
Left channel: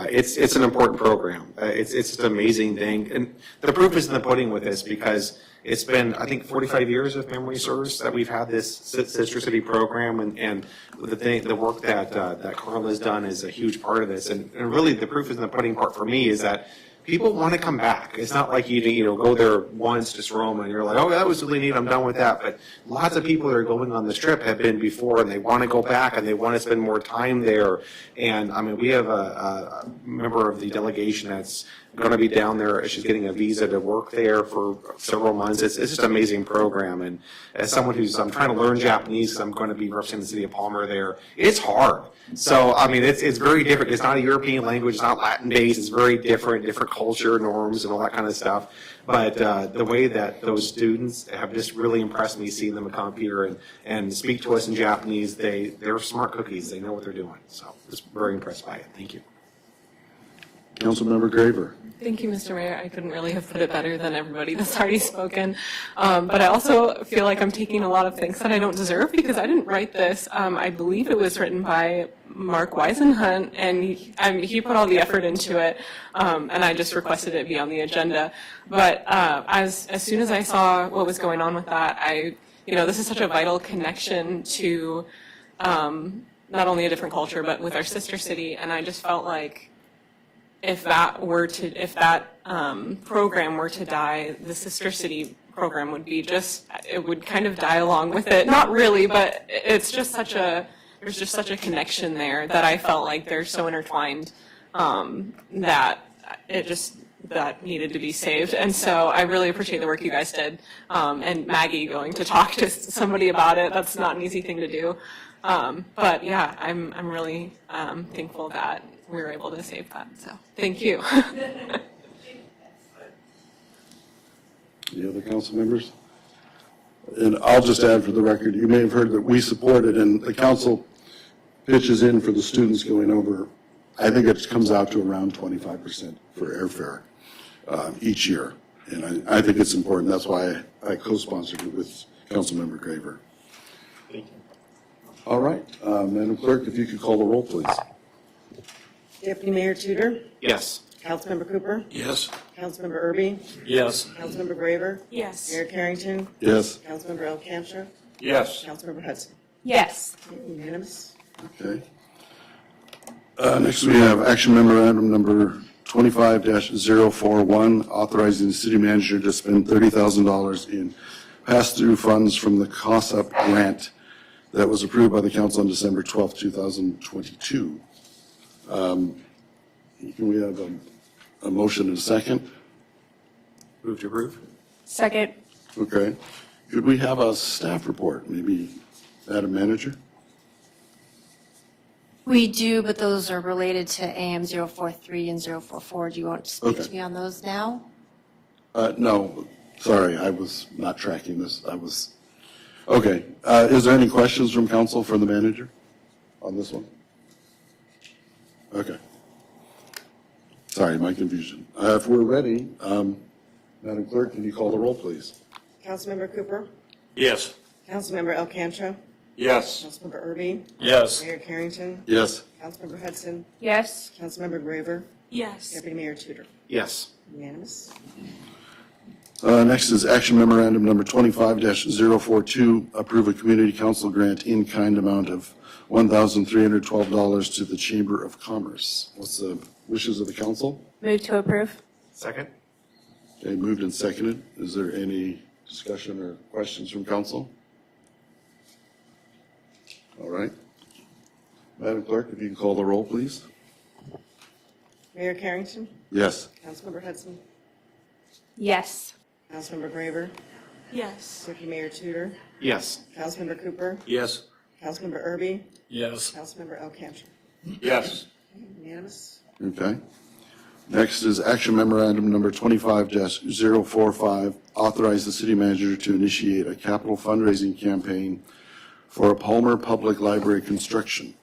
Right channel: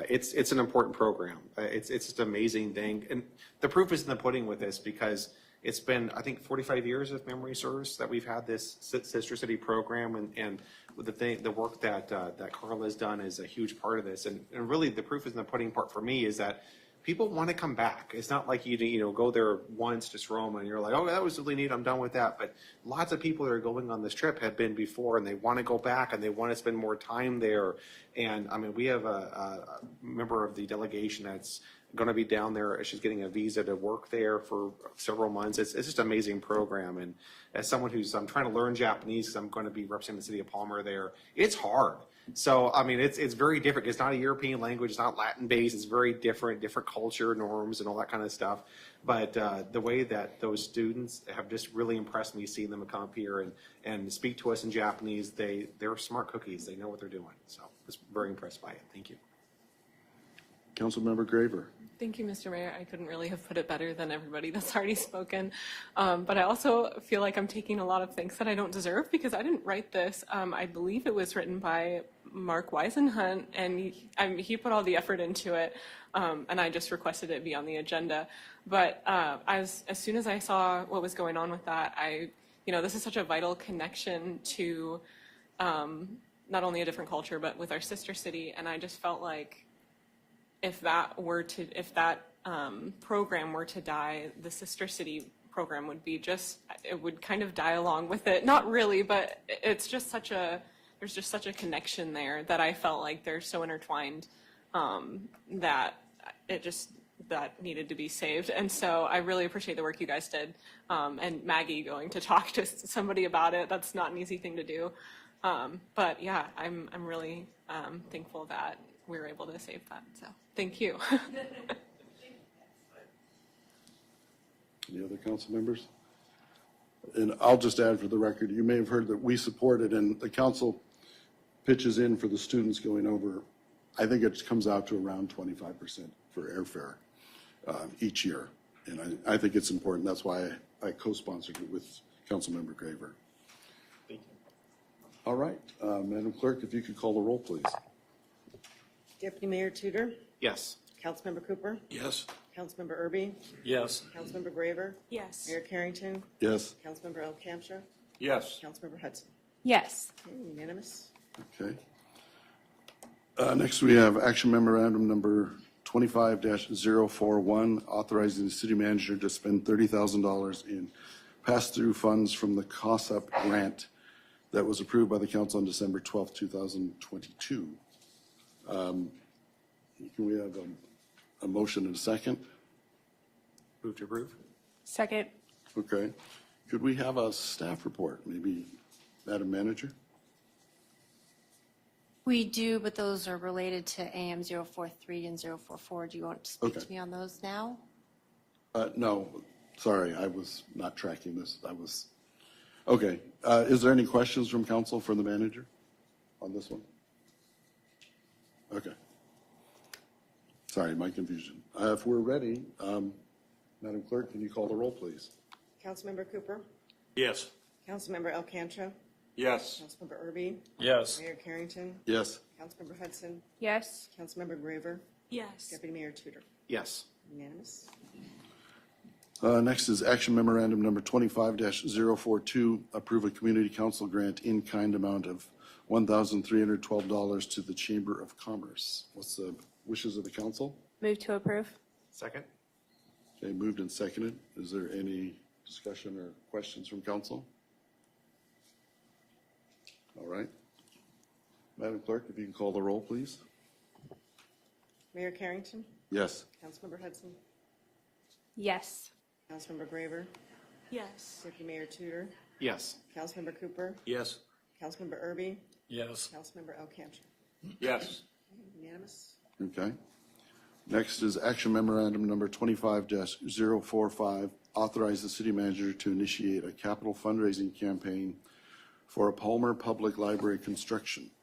It's an important program. It's just an amazing thing. And the proof is in the pudding with this because it's been, I think, 45 years, if memory serves, that we've had this Sister City program. And the work that Carla's done is a huge part of this. And really the proof is in the pudding part for me is that people want to come back. It's not like you go there once, just roam, and you're like, oh, that was really neat, I'm done with that. But lots of people that are going on this trip have been before, and they want to go back, and they want to spend more time there. And I mean, we have a member of the delegation that's going to be down there. She's getting a visa to work there for several months. It's just an amazing program. And as someone I'm trying to learn Japanese, I'm going to be representing the city of Palmer there. It's hard. So, I mean, it's very different. It's not a European language, it's not Latin-based. It's very different culture, norms, and all that kind of stuff. But the way that those students have just really impressed me, seeing them come up here and speak to us in Japanese, they're smart cookies. They know what they're doing. So, just very impressed by it. Thank you. Councilmember Graver. Thank you, Mr. Mayor. I couldn't really have put it better than everybody that's already spoken. But I also feel like I'm taking a lot of things that I don't deserve because I didn't write this. I believe it was written by Mark Weisenhunt, and he put all the effort into it, and I just requested it be on the agenda. But as soon as I saw what was going on with that, this is such a vital connection to not only a different culture, but with our sister city, and I just felt like if that program were to die, the Sister City program would be it would kind of die along with it. Not really, but there's just such a connection there that I felt like they're so intertwined that that needed to be saved. And so I really appreciate the work you guys did. And Maggie going to talk to somebody about it, that's not an easy thing to do. But yeah, I'm really thankful that we were able to save that. So thank you. Any other council members? And I'll just add for the record, you may have heard that we supported, and the council pitches in for the students going over. I think it comes out to around 25% for airfare each year. And I think it's important. That's why I co-sponsored it with Councilmember Graver. Thank you. All right, Madam Clerk, if you could call the roll, please. Deputy Mayor Tudor, Yes. Councilmember Cooper, Yes. Councilmember Erby, Yes. Councilmember Graver, Yes. Mayor Carrington, Yes. Councilmember Alcantra, Yes. Councilmember Hudson. Yes. Unanimous. Okay. Next, we have action memorandum number 25-041, authorizing the city manager to spend $30,000 in pass-through funds from the COSUP grant that was approved by the council on December 12, 2022. Can we have a motion and a second? Move to approve. Second. Okay. Could we have a staff report, maybe, Madam Manager? We do, but those are related to AM 043 and 044. Do you want to speak Okay. to me on those now? No, sorry, I was not tracking this. Okay. Is there any questions from council for the manager on this one? Okay. Sorry, my confusion. If we're ready, Madam Clerk, can you call the roll, please? Councilmember Cooper, Yes. Councilmember Alcantra, Yes. Councilmember Erby, Yes. Mayor Carrington, Yes. Councilmember Hudson, Yes. Councilmember Graver, Yes. Deputy Mayor Tudor. Yes. Unanimous. Next is action memorandum number 25-042, approve a community council grant in kind amount of $1,312 to the Chamber of Commerce. What's the wishes of the council? Move to approve. Second. Okay, moved and seconded. Is there any discussion or questions from council? All right. Madam Clerk, if you can call the roll, please. Mayor Carrington, Yes. Councilmember Hudson, Yes. Councilmember Graver, Yes. Deputy Mayor Tudor, Yes. Councilmember Cooper, Yes. Councilmember Erby, Yes. Councilmember Alcantra. Yes. Unanimous. Okay. Next is action memorandum number 25-045, authorize the city manager to initiate a capital fundraising campaign for a Palmer Public Library construction.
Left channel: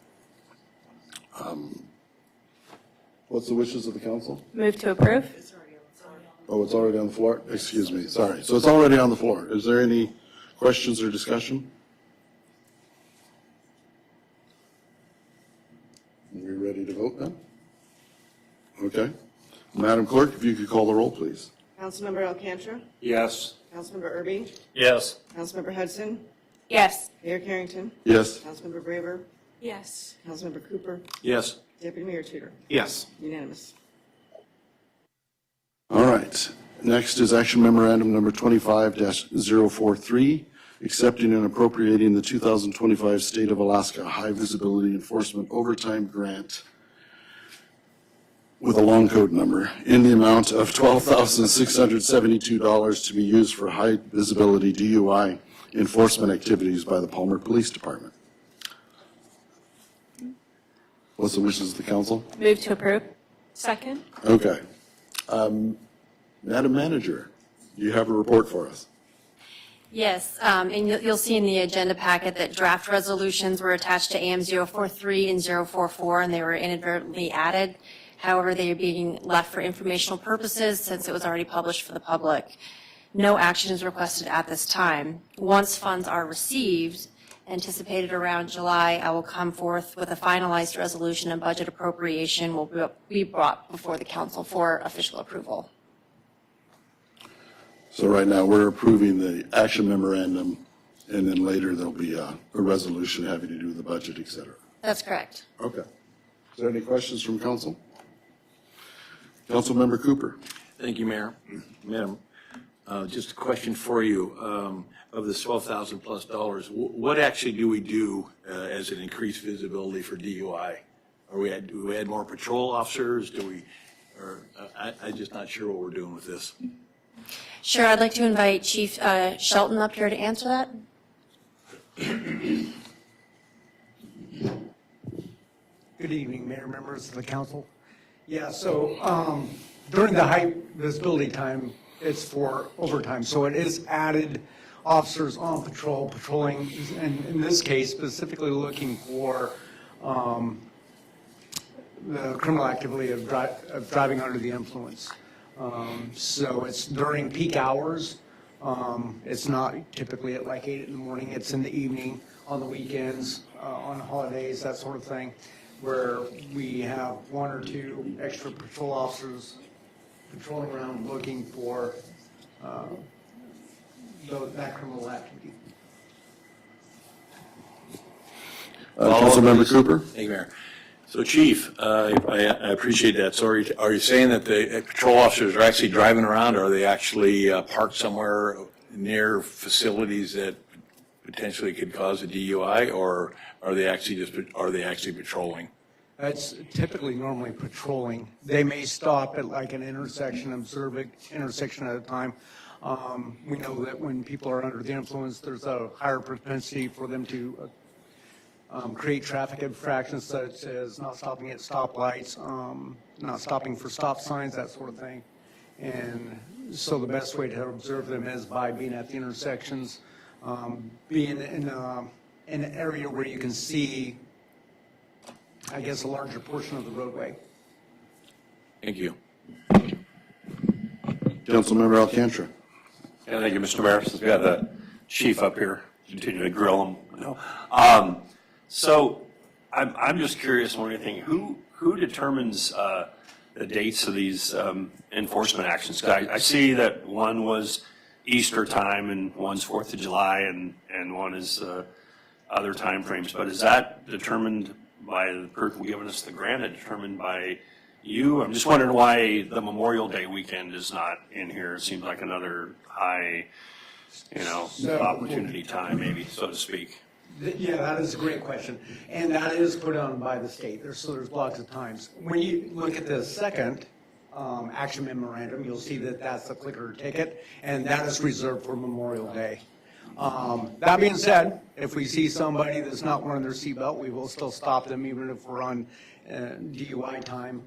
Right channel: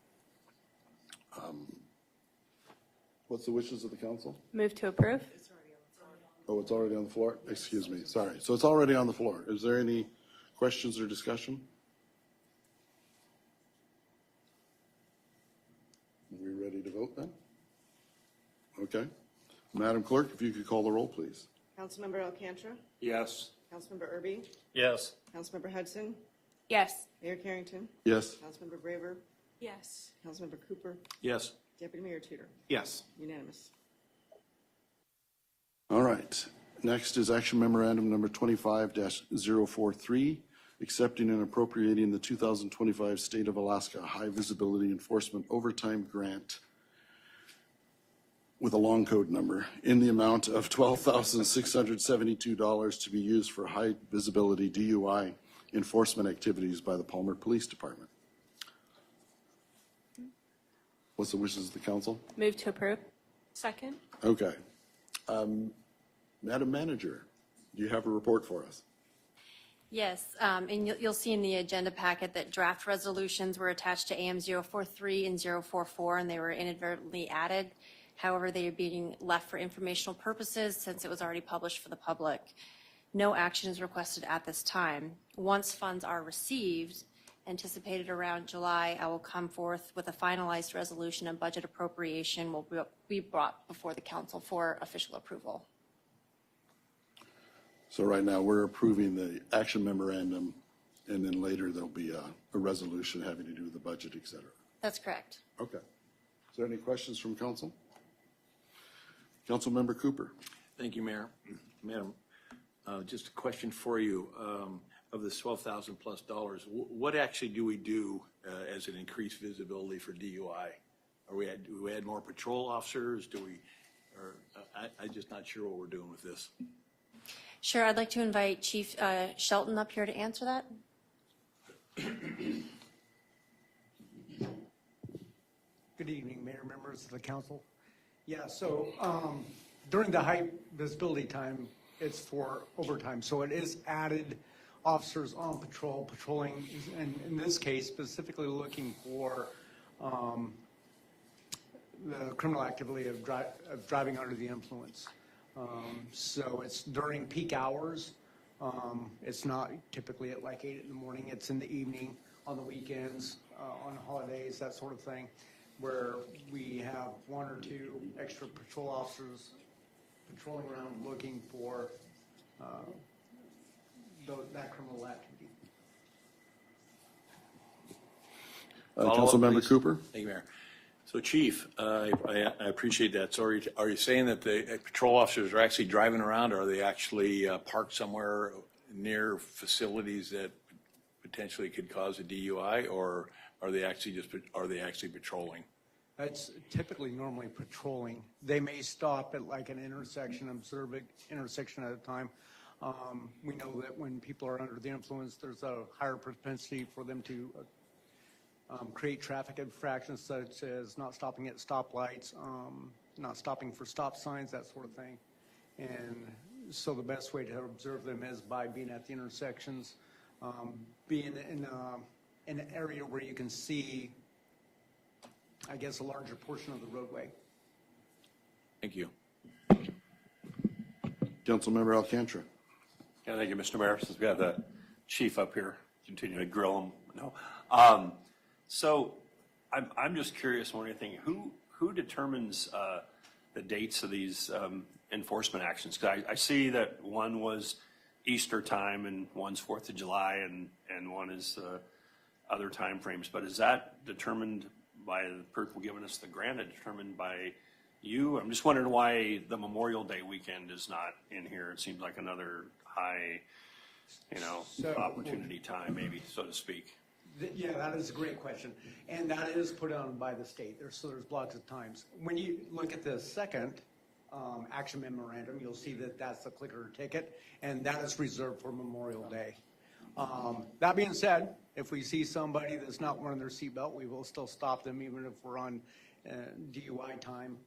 What's the wishes of the council? Move to approve. Oh, it's already on the floor? Excuse me, sorry. So it's already on the floor. Is there any questions or discussion? Okay. Madam Clerk, if you could call the roll, please. Councilmember Alcantra? Yes. Councilmember Erby? Yes. Councilmember Hudson? Yes. Mayor Carrington? Yes. Councilmember Graver? Yes. Councilmember Cooper? Yes. Deputy Mayor Tudor? Yes. Unanimous. All right. Next is action memorandum number 25-043, accepting and appropriating the 2025 State of Alaska High Visibility Enforcement Overtime Grant with a long code number in the amount of $12,672 to be used for high visibility DUI enforcement activities by the Palmer Police Department. What's the wishes of the council? Move to approve. Second? Okay. Madam Manager, do you have a report for us? Yes, and you'll see in the agenda packet that draft resolutions were attached to AM 043 and 044, and they were inadvertently added. However, they are being left for informational purposes since it was already published for the public. No action is requested at this time. Once funds are received, anticipated around July, I will come forth with a finalized resolution and budget appropriation will be brought before the council for official approval. So right now, we're approving the action memorandum, and then later there'll be a resolution having to do with the budget, et cetera. That's correct. Okay. Is there any questions from council? Councilmember Cooper. Thank you, Mayor. Madam, just a question for you. Of this $12,000 plus, what actually do we do as an increased visibility for DUI? Do we add more patrol officers? I'm just not sure what we're doing with this. Sure, I'd like to invite Chief Shelton up here to answer that. Good evening, Mayor, members of the council. Yeah, so during the high visibility time, it's for overtime. So it is added officers on patrol, patrolling, and in this case, specifically looking for the criminal activity of driving under the influence. So it's during peak hours. It's not typically at like 8 in the morning. It's in the evening, on the weekends, on holidays, that sort of thing, where we have 1 or 2 extra patrol officers patrolling around looking for that criminal activity. Councilmember Cooper. Thank you, Mayor. So Chief, I appreciate that. So are you saying that the patrol officers are actually driving around, or are they actually parked somewhere near facilities that potentially could cause a DUI, or are they actually patrolling? That's typically normally patrolling. They may stop at like an intersection, observe an intersection at a time. We know that when people are under the influence, there's a higher propensity for them to create traffic infractions such as not stopping at stoplights, not stopping for stop signs, that sort of thing. And so the best way to observe them is by being at the intersections, being in an area where you can see, I guess, a larger portion of the roadway. Thank you. Councilmember Alcantra. Yeah, thank you, Mr. Mayor. We've got a chief up here, continue to grill him. So I'm just curious on anything. Who determines the dates of these enforcement actions? I see that one was Easter time and one's 4th of July and one is other time frames. But is that determined by the person giving us the grant, and determined by you? I'm just wondering why the Memorial Day weekend is not in here. It seems like another high, opportunity time, maybe, so to speak. Yeah, that is a great question, and that is put on by the state. There's blocks of times. When you look at the second action memorandum, you'll see that that's the clicker ticket, and that is reserved for Memorial Day. That being said, if we see somebody that's not wearing their seatbelt, we will still stop them, even if we're on DUI time.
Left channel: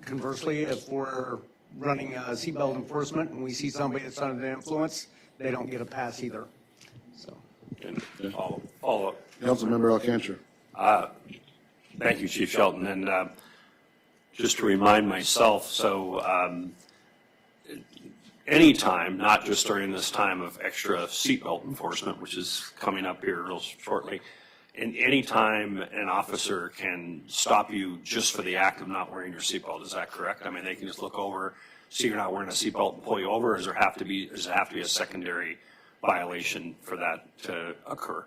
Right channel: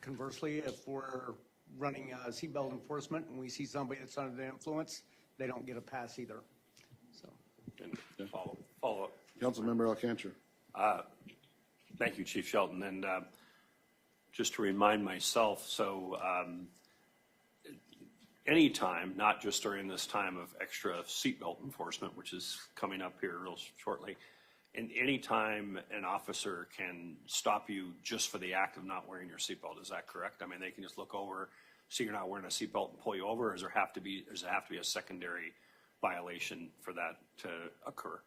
Conversely, if we're running seatbelt enforcement and we see somebody that's under the influence, they don't get a pass either. So. Follow up. Councilmember Alcantra. Thank you, Chief Shelton. And just to remind myself, so anytime, not just during this time of extra seatbelt enforcement, which is coming up here real shortly, And anytime an officer can stop you just for the act of not wearing your seatbelt, is that correct? I mean, they can just look over, see you're not wearing a seatbelt and pull you over, or does it have to be a secondary violation for that to occur?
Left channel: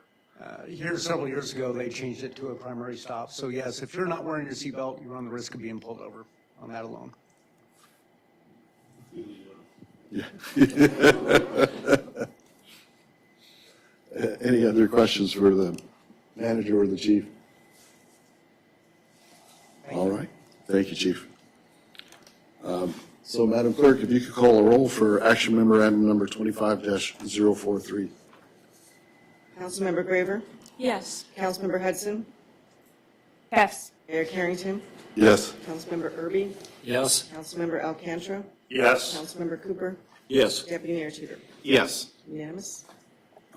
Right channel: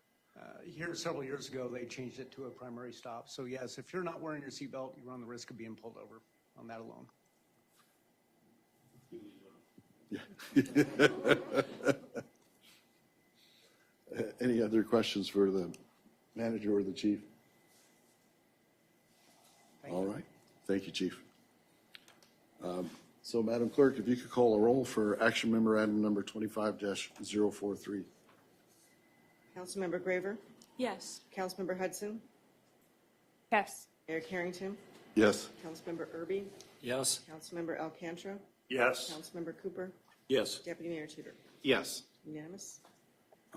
Here, several years ago, they changed it to a primary stop. So yes, if you're not wearing your seatbelt, you run the risk of being pulled over on that alone. Any other questions for the manager or the chief? All right, thank you, chief. So Madam Clerk, if you could call a roll for action memorandum number 25-043. Councilmember Graver, Yes. Councilmember Hudson, Yes. Mayor Carrington, Yes. Councilmember Erby, Yes. Councilmember Alcantra, Yes. Councilmember Cooper, Yes. Deputy Mayor Tudor. Yes. Unanimous?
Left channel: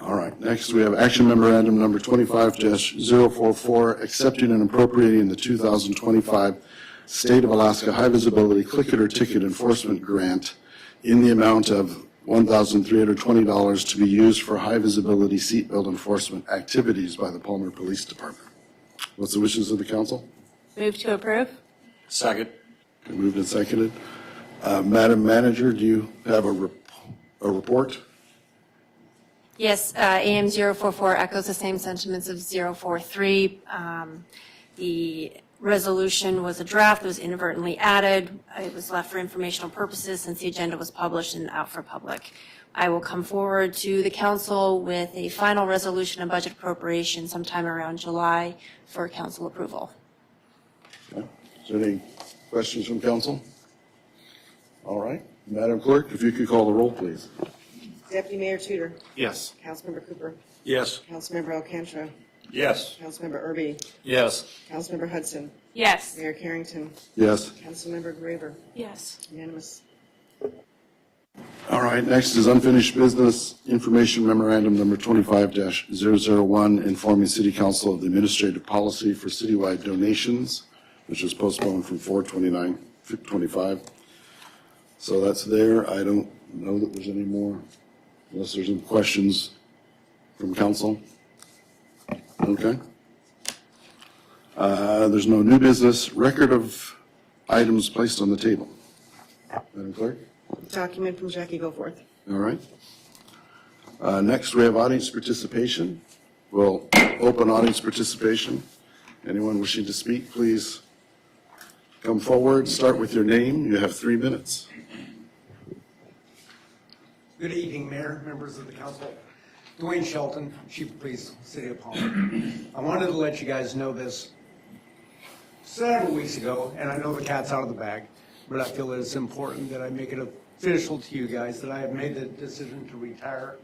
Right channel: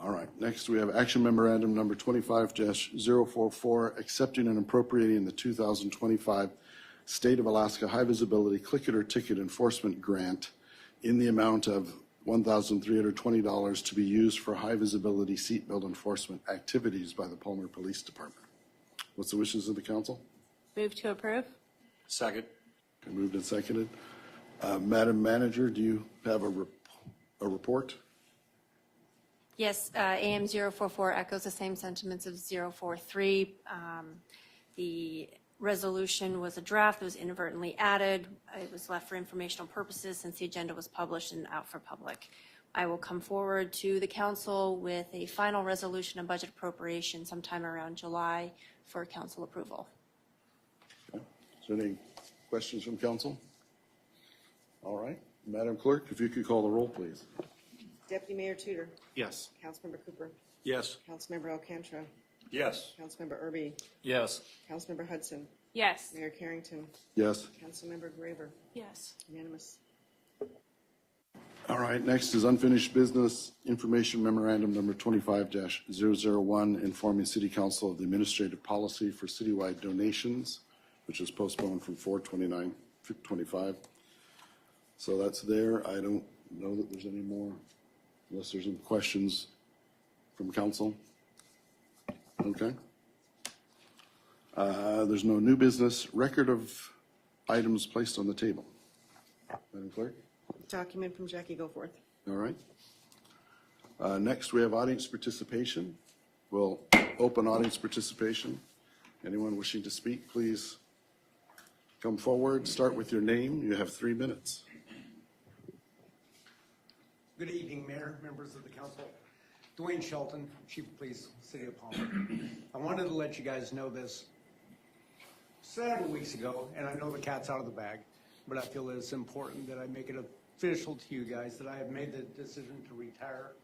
All right, next we have action memorandum number 25-044, accepting and appropriating the 2025 State of Alaska High Visibility Click It or Ticket Enforcement Grant in the amount of $1,320 to be used for high visibility seatbelt enforcement activities by the Palmer Police Department. What's the wishes of the council? Move to approve? Second. Moved and seconded. Madam Manager, do you have a report? Yes, AM 044 echoes the same sentiments of 043. The resolution was a draft, was inadvertently added. It was left for informational purposes since the agenda was published and out for public. I will come forward to the council with a final resolution of budget appropriation sometime around July for council approval. Okay. Is there any questions from council? All right, Madam Clerk, if you could call the roll, please. Deputy Mayor Tudor, Yes. Councilmember Cooper, Yes. Councilmember Alcantra, Yes. Councilmember Erby, Yes. Councilmember Hudson, Yes. Mayor Carrington, Yes. Councilmember Graver. Yes. Unanimous? All right, next is unfinished business, information memorandum number 25-001, informing City Council of the administrative policy for citywide donations, which was postponed from 4/29/25. So that's there. I don't know that there's any more, unless there's any questions from council. Okay. There's no new business. Record of items placed on the table. Madam Clerk? Document from Jackie Goforth. All right. Next, we have audience participation. We'll open audience participation. Anyone wishing to speak, please come forward. Start with your name. You have 3 minutes. Good evening, Mayor, members of the council. Dwayne Shelton, Chief of Police, City of Palmer. I wanted to let you guys know this several weeks ago, and I know the cat's out of the bag, but I feel it's important that I make it official to you guys that I have made the decision to retire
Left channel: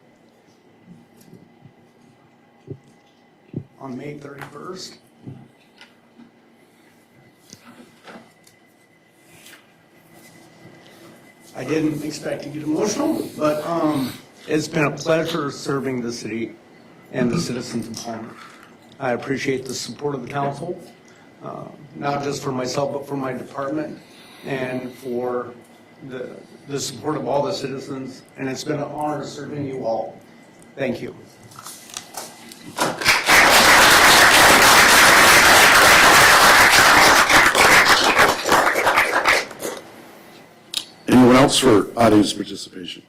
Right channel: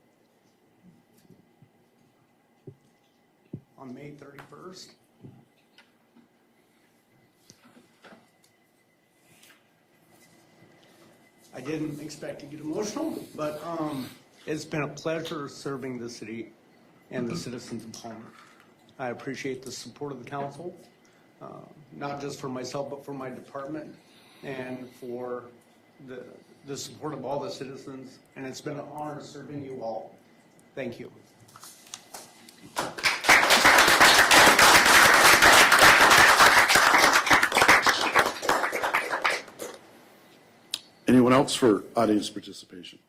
on May 31st. I didn't expect to get emotional, but it's been a pleasure serving the city and the citizens of Palmer. I appreciate the support of the council, not just for myself, but for my department and for the support of all the citizens, and it's been an honor serving you all. Thank you. Anyone else for audience participation?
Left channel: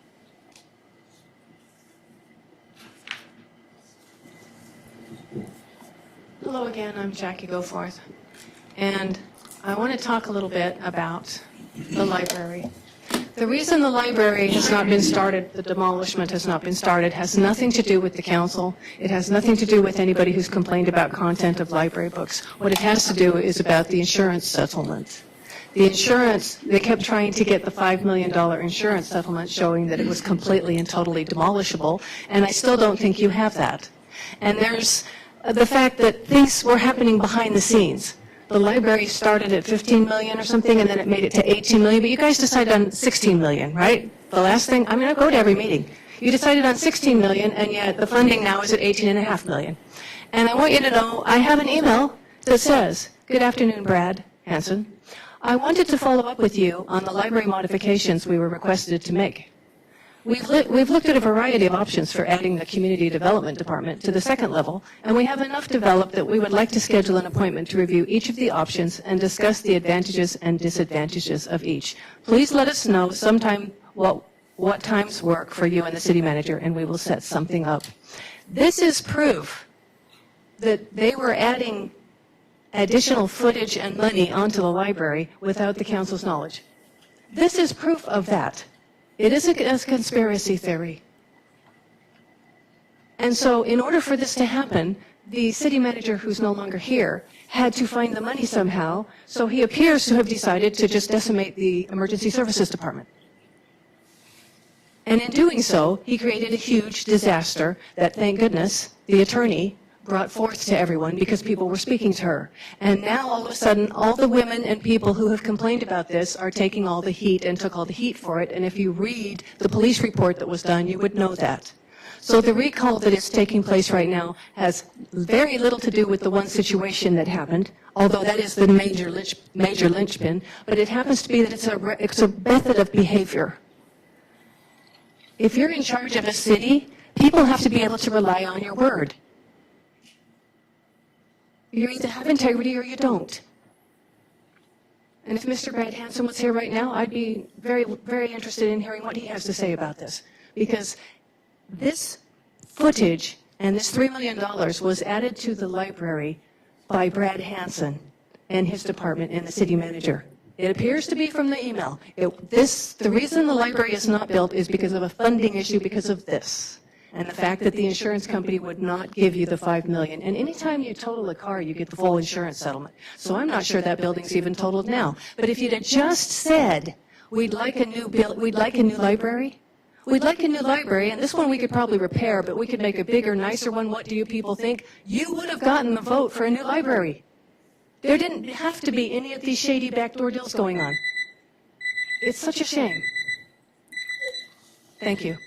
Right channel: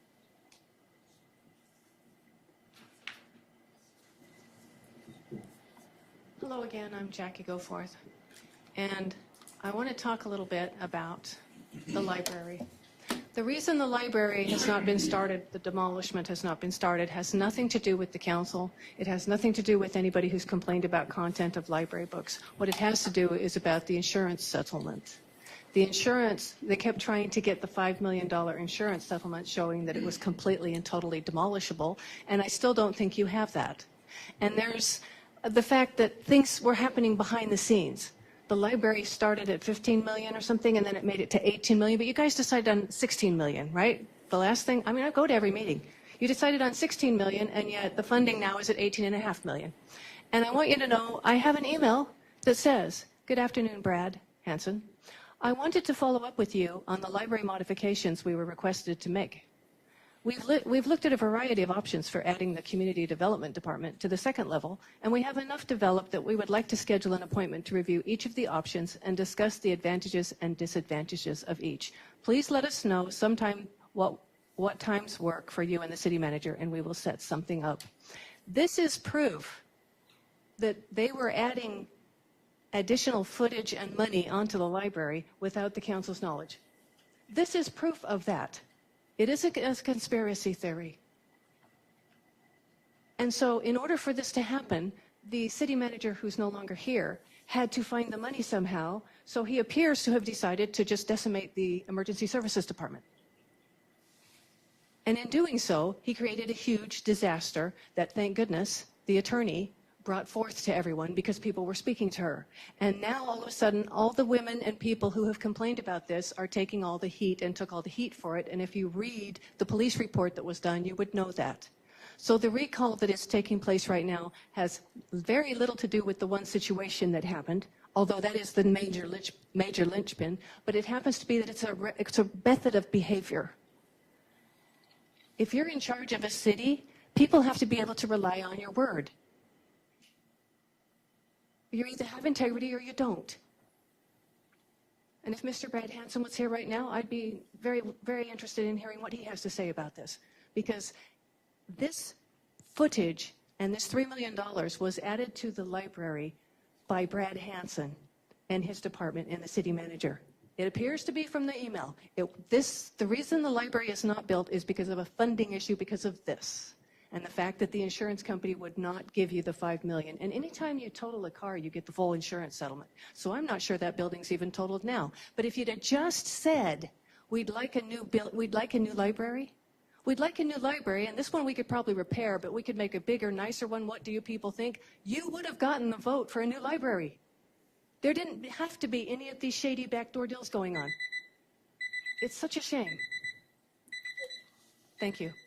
Hello again, I'm Jackie Goforth. And I want to talk a little bit about the library. The reason the library has not been started, the demolishment has not been started, has nothing to do with the council. It has nothing to do with anybody who's complained about content of library books. What it has to do is about the insurance settlement. The insurance, they kept trying to get the $5 million insurance settlement showing that it was completely and totally demolishable, and I still don't think you have that. And there's the fact that things were happening behind the scenes. The library started at 15 million or something, and then it made it to 18 million, but you guys decided on 16 million, right? The last thing, I'm going to go to every meeting. You decided on 16 million, and yet the funding now is at 18.5 million. And I want you to know, I have an email that says, "Good afternoon, Brad Hanson. I wanted to follow up with you on the library modifications we were requested to make. We've looked at a variety of options for adding the community development department to the second level, and we have enough developed that we would like to schedule an appointment to review each of the options and discuss the advantages and disadvantages of each. Please let us know sometime what times work for you and the city manager, and we will set something up. This is proof that they were adding additional footage and money onto the library without the council's knowledge. This is proof of that. It isn't a conspiracy theory. And so in order for this to happen, the city manager, who's no longer here, had to find the money somehow, so he appears to have decided to just decimate the emergency services department. And in doing so, he created a huge disaster that, thank goodness, the attorney brought forth to everyone because people were speaking to her. And now, all of a sudden, all the women and people who have complained about this are taking all the heat and took all the heat for it. And if you read the police report that was done, you would know that. So the recall that is taking place right now has very little to do with the one situation that happened, although that is the major linchpin, but it happens to be that it's a method of behavior. If you're in charge of a city, people have to be able to rely on your word. You either have integrity or you don't. And if Mr. Brad Hanson was here right now, I'd be very, very interested in hearing what he has to say about this. Because this footage and this $3 million was added to the library by Brad Hanson and his department and the city manager. It appears to be from the email. The reason the library is not built is because of a funding issue because of this. And the fact that the insurance company would not give you the $5 million. And anytime you total a car, you get the full insurance settlement. So I'm not sure that building's even totaled now. But if you'd have just said, we'd like a new library, and this one we could probably repair, but we could make a bigger, nicer one. What do you people think? You would have gotten the vote for a new library. There didn't have to be any of these shady backdoor deals going on. It's such a shame. Thank you.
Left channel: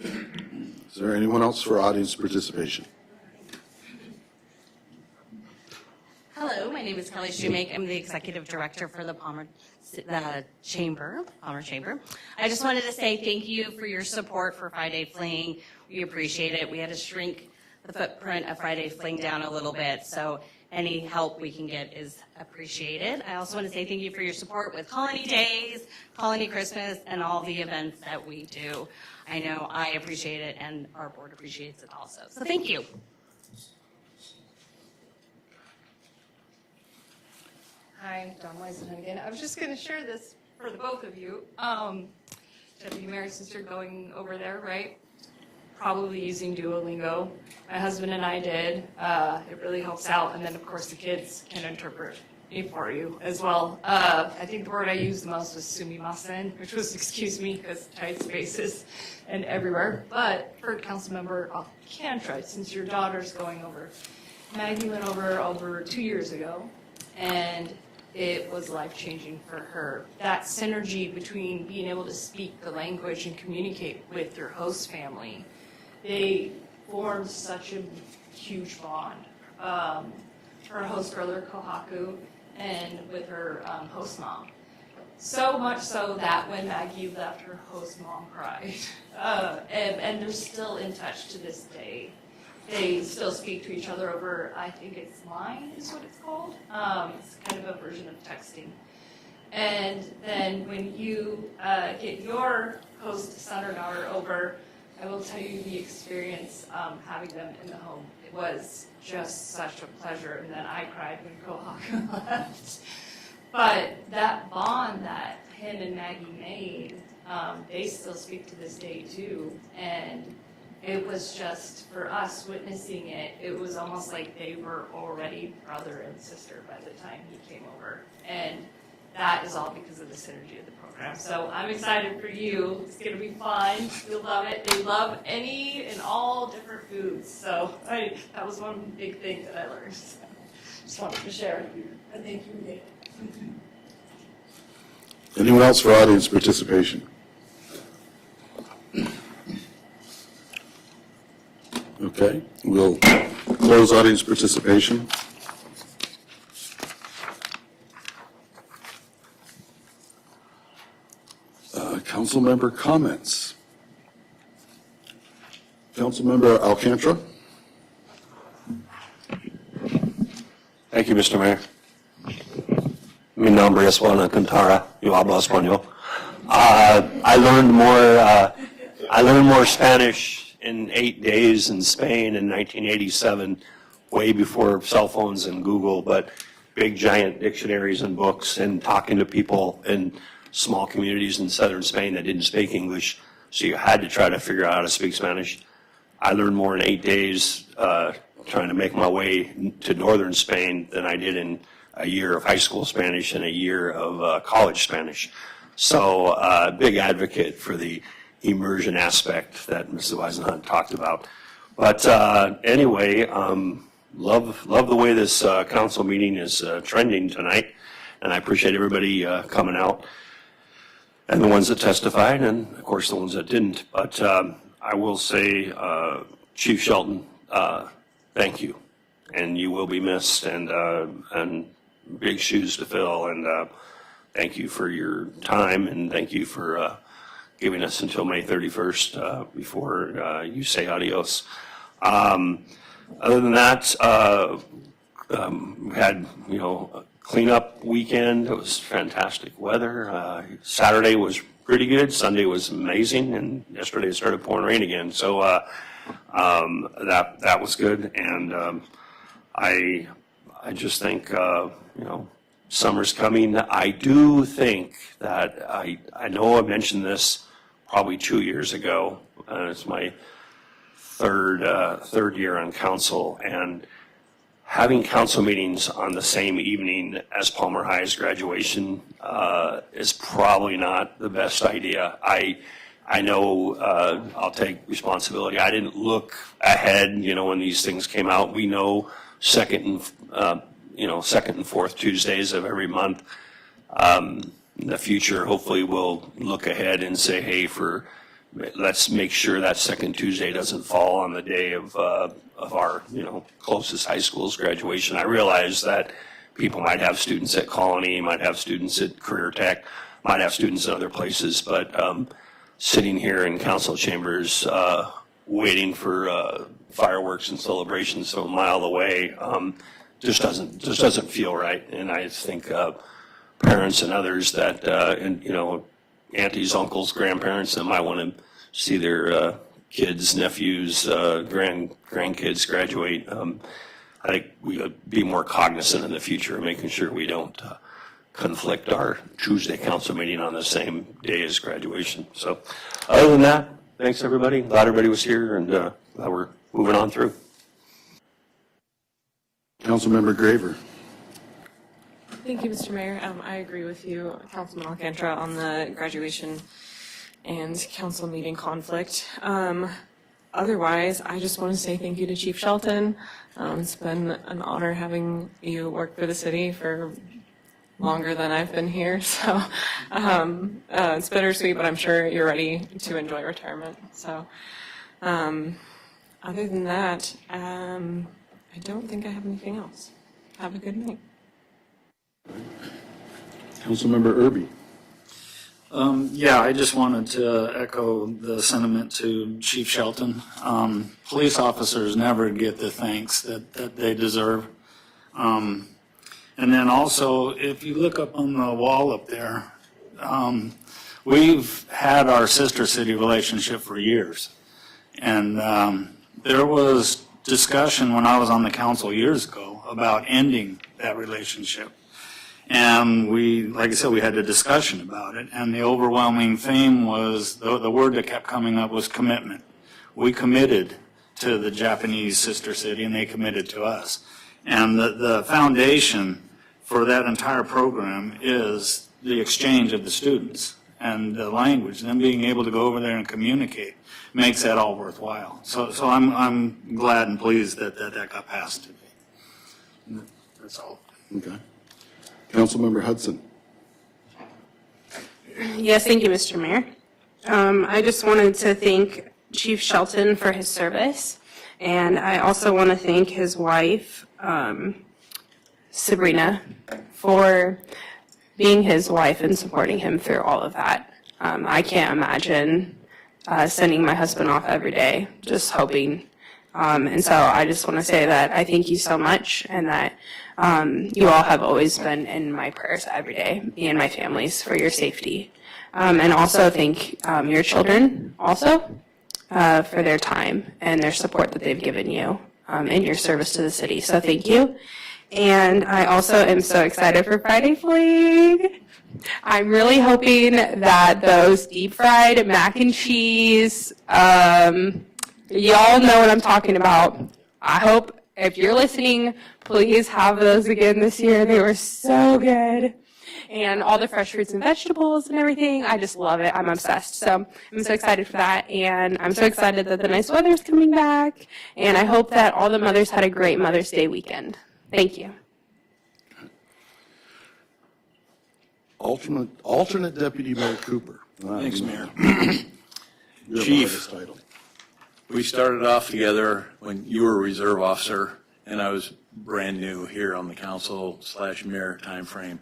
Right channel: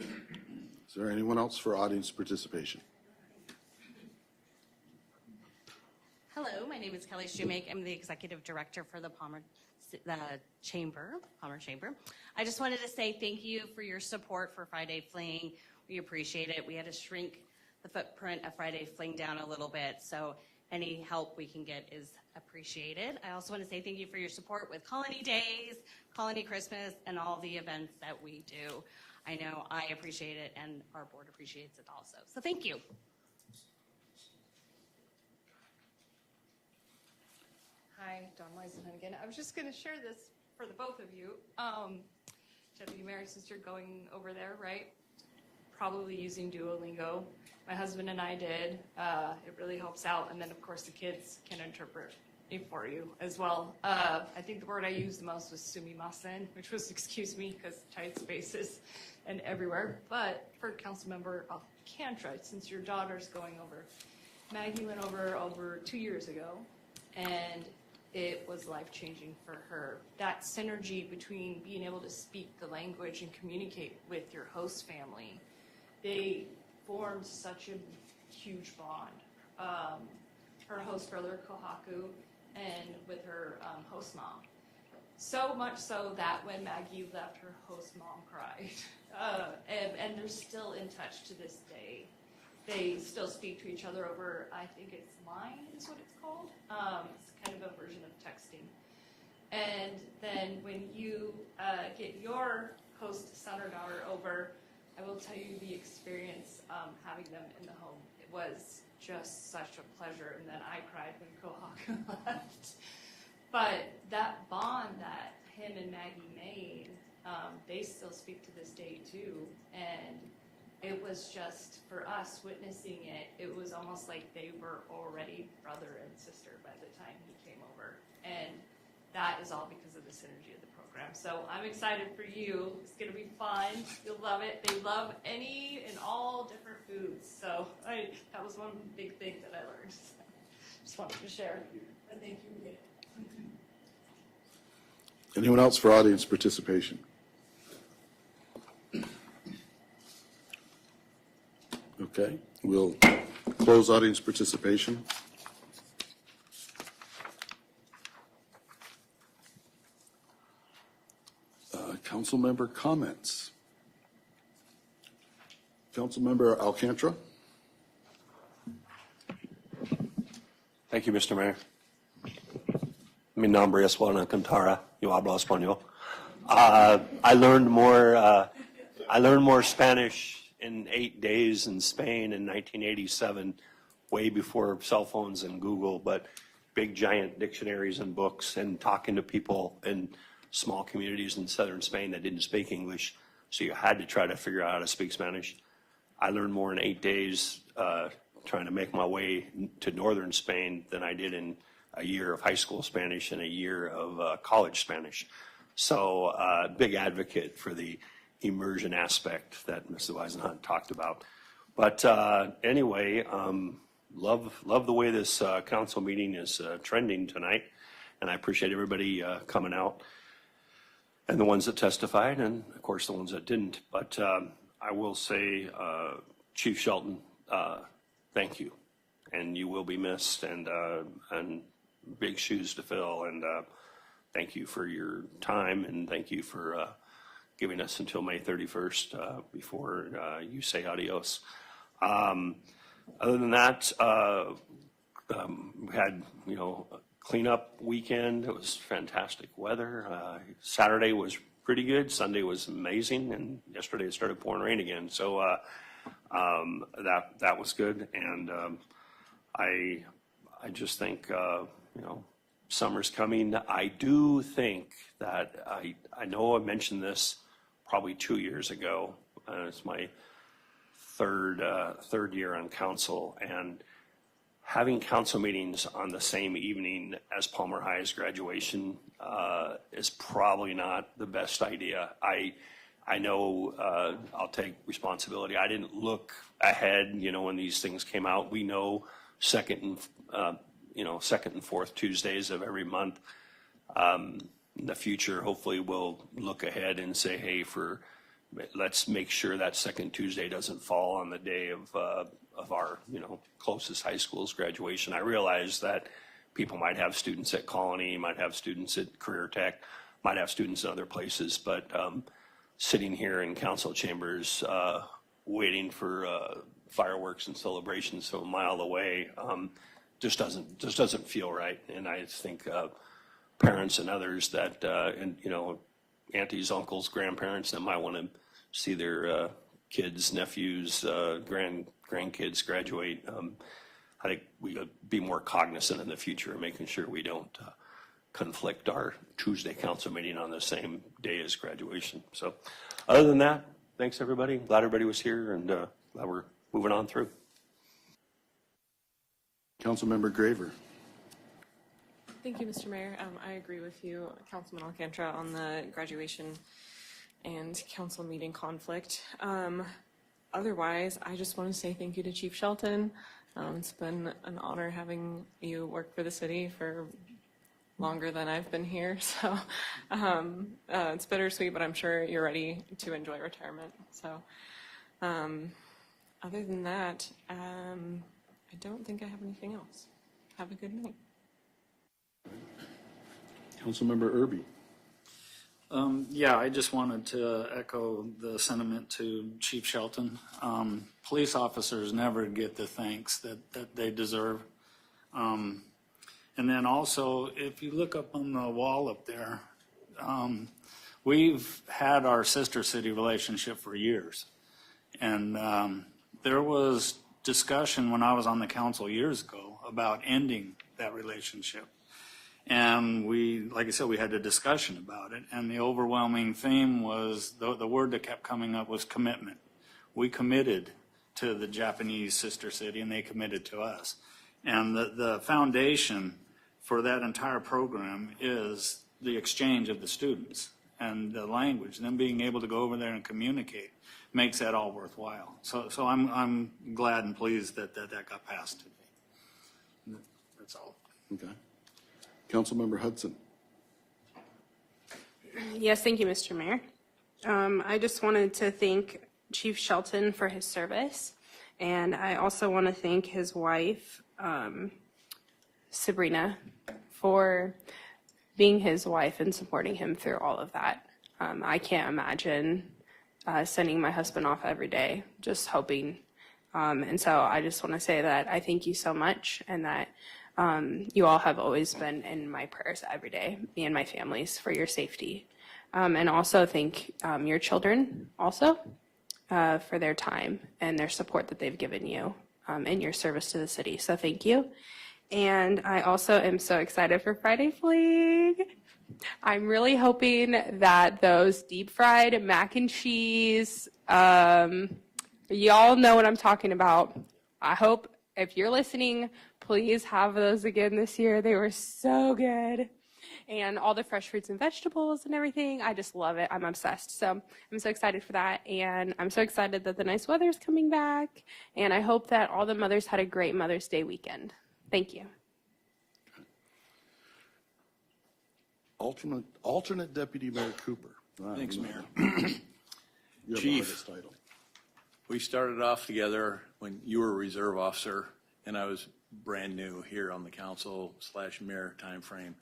Is there anyone else for audience participation? Hello, my name is Kelly Shoemake. I'm the executive director for the Palmer Chamber. I just wanted to say thank you for your support for Friday Fling. We appreciate it. We had to shrink the footprint of Friday Fling down a little bit, so any help we can get is appreciated. I also want to say thank you for your support with Colony Days, Colony Christmas, and all the events that we do. I know I appreciate it, and our board appreciates it also. So thank you. Hi, Dawn Weisman again. I was just going to share this for the both of you. Deputy Mayor, since you're going over there, right? Probably using Duolingo. My husband and I did. It really helps out. And then, of course, the kids can interpret it for you as well. I think the word I used the most was sumimasen, which was excuse me, because tight spaces and everywhere. But for Councilmember Cantrell, since your daughter's going over, Maggie went over 2 years ago, and it was life-changing for her. That synergy between being able to speak the language and communicate with your host family, they formed such a huge bond. Her host brother, Kohaku, and with her host mom. So much so that when Maggie left, her host mom cried. And they're still in touch to this day. They still speak to each other over, I think it's Line is what it's called. It's kind of a version of texting. And then when you get your host son or daughter over, I will tell you the experience having them in the home. It was just such a pleasure, and then I cried when Kohaku left. But that bond that Penn and Maggie made, they still speak to this day too. And it was just, for us witnessing it, it was almost like they were already brother and sister by the time he came over. And that is all because of the synergy of the program. So I'm excited for you. It's going to be fun. You'll love it. They love any and all different foods. So that was one big thing that I learned. So just wanted to share it. And thank you, Nick. Anyone else for audience participation? Okay, we'll close audience participation. Council member comments. Councilmember Alcantara. Thank you, Mr. Mayor. Mi nombre es Juan Alcantara. Yo hablo español. I learned more Spanish in 8 days in Spain in 1987, way before cell phones and Google, but big giant dictionaries and books and talking to people in small communities in southern Spain that didn't speak English, so you had to try to figure out how to speak Spanish. I learned more in 8 days trying to make my way to northern Spain than I did in a year of high school Spanish and a year of college Spanish. So big advocate for the immersion aspect that Mrs. Weisenhunt talked about. But anyway, love the way this council meeting is trending tonight, and I appreciate everybody coming out, and the ones that testified, and of course the ones that didn't. But I will say, Chief Shelton, thank you, and you will be missed, and big shoes to fill, and thank you for your time, and thank you for giving us until May 31st before you say adios. Other than that, we had, a cleanup weekend. It was fantastic weather. Saturday was pretty good. Sunday was amazing, and yesterday it started pouring rain again. So that was good, and I just think summer's coming. I do think that I know I mentioned this probably 2 years ago. It's my third year on council, and having council meetings on the same evening as Palmer High's graduation is probably not the best idea. I know I'll take responsibility. I didn't look ahead, when these things came out. We know second and fourth Tuesdays of every month. In the future, hopefully we'll look ahead and say, hey, let's make sure that second Tuesday doesn't fall on the day of our, closest high school's graduation. I realize that people might have students at Colony, might have students at Career Tech, might have students at other places, but sitting here in council chambers, waiting for fireworks and celebrations so a mile away, just doesn't feel right. And I think parents and others that, aunties, uncles, grandparents that might want to see their kids, nephews, grandkids graduate. I think we would be more cognizant in the future, making sure we don't conflict our Tuesday council meeting on the same day as graduation. So other than that, thanks everybody. Glad everybody was here, and glad we're moving on through. Councilmember Graver. Thank you, Mr. Mayor. I agree with you, Councilman Alcantara, on the graduation and council meeting conflict. Otherwise, I just want to say thank you to Chief Shelton. It's been an honor having you work for the city for longer than I've been here. So it's bittersweet, but I'm sure you're ready to enjoy retirement. So other than that, I don't think I have anything else. Have a good night. Councilmember Irby. Yeah, I just wanted to echo the sentiment to Chief Shelton. Police officers never get the thanks that they deserve. And then also, if you look up on the wall up there, we've had our sister city relationship for years. And there was discussion when I was on the council years ago about ending that relationship. And like I said, we had a discussion about it, and the overwhelming theme was, the word that kept coming up was commitment. We committed to the Japanese sister city, and they committed to us. And the foundation for that entire program is the exchange of the students and the language, and them being able to go over there and communicate makes that all worthwhile. So I'm glad and pleased that got passed today. That's all. Okay. Councilmember Hudson. Yes, thank you, Mr. Mayor. I just wanted to thank Chief Shelton for his service, and I also want to thank his wife, Sabrina, for being his wife and supporting him through all of that. I can't imagine sending my husband off every day, just hoping. And so I just want to say that I thank you so much, and that you all have always been in my prayers every day, me and my families, for your safety. And also thank your children also for their time and their support that they've given you in your service to the city. So thank you. And I also am so excited for Friday Fling. I'm really hoping that those deep fried mac and cheese, y'all know what I'm talking about. I hope if you're listening, please have those again this year. They were so good. And all the fresh fruits and vegetables and everything. I just love it. I'm obsessed. So I'm so excited for that. And I'm so excited that the nice weather's coming back. And I hope that all the mothers had a great Mother's Day weekend. Thank you. Alternate Deputy Mayor Cooper. Thanks, Mayor. Your Chief, title. we started off together when you were a reserve officer and I was brand new here on the council/mayor timeframe.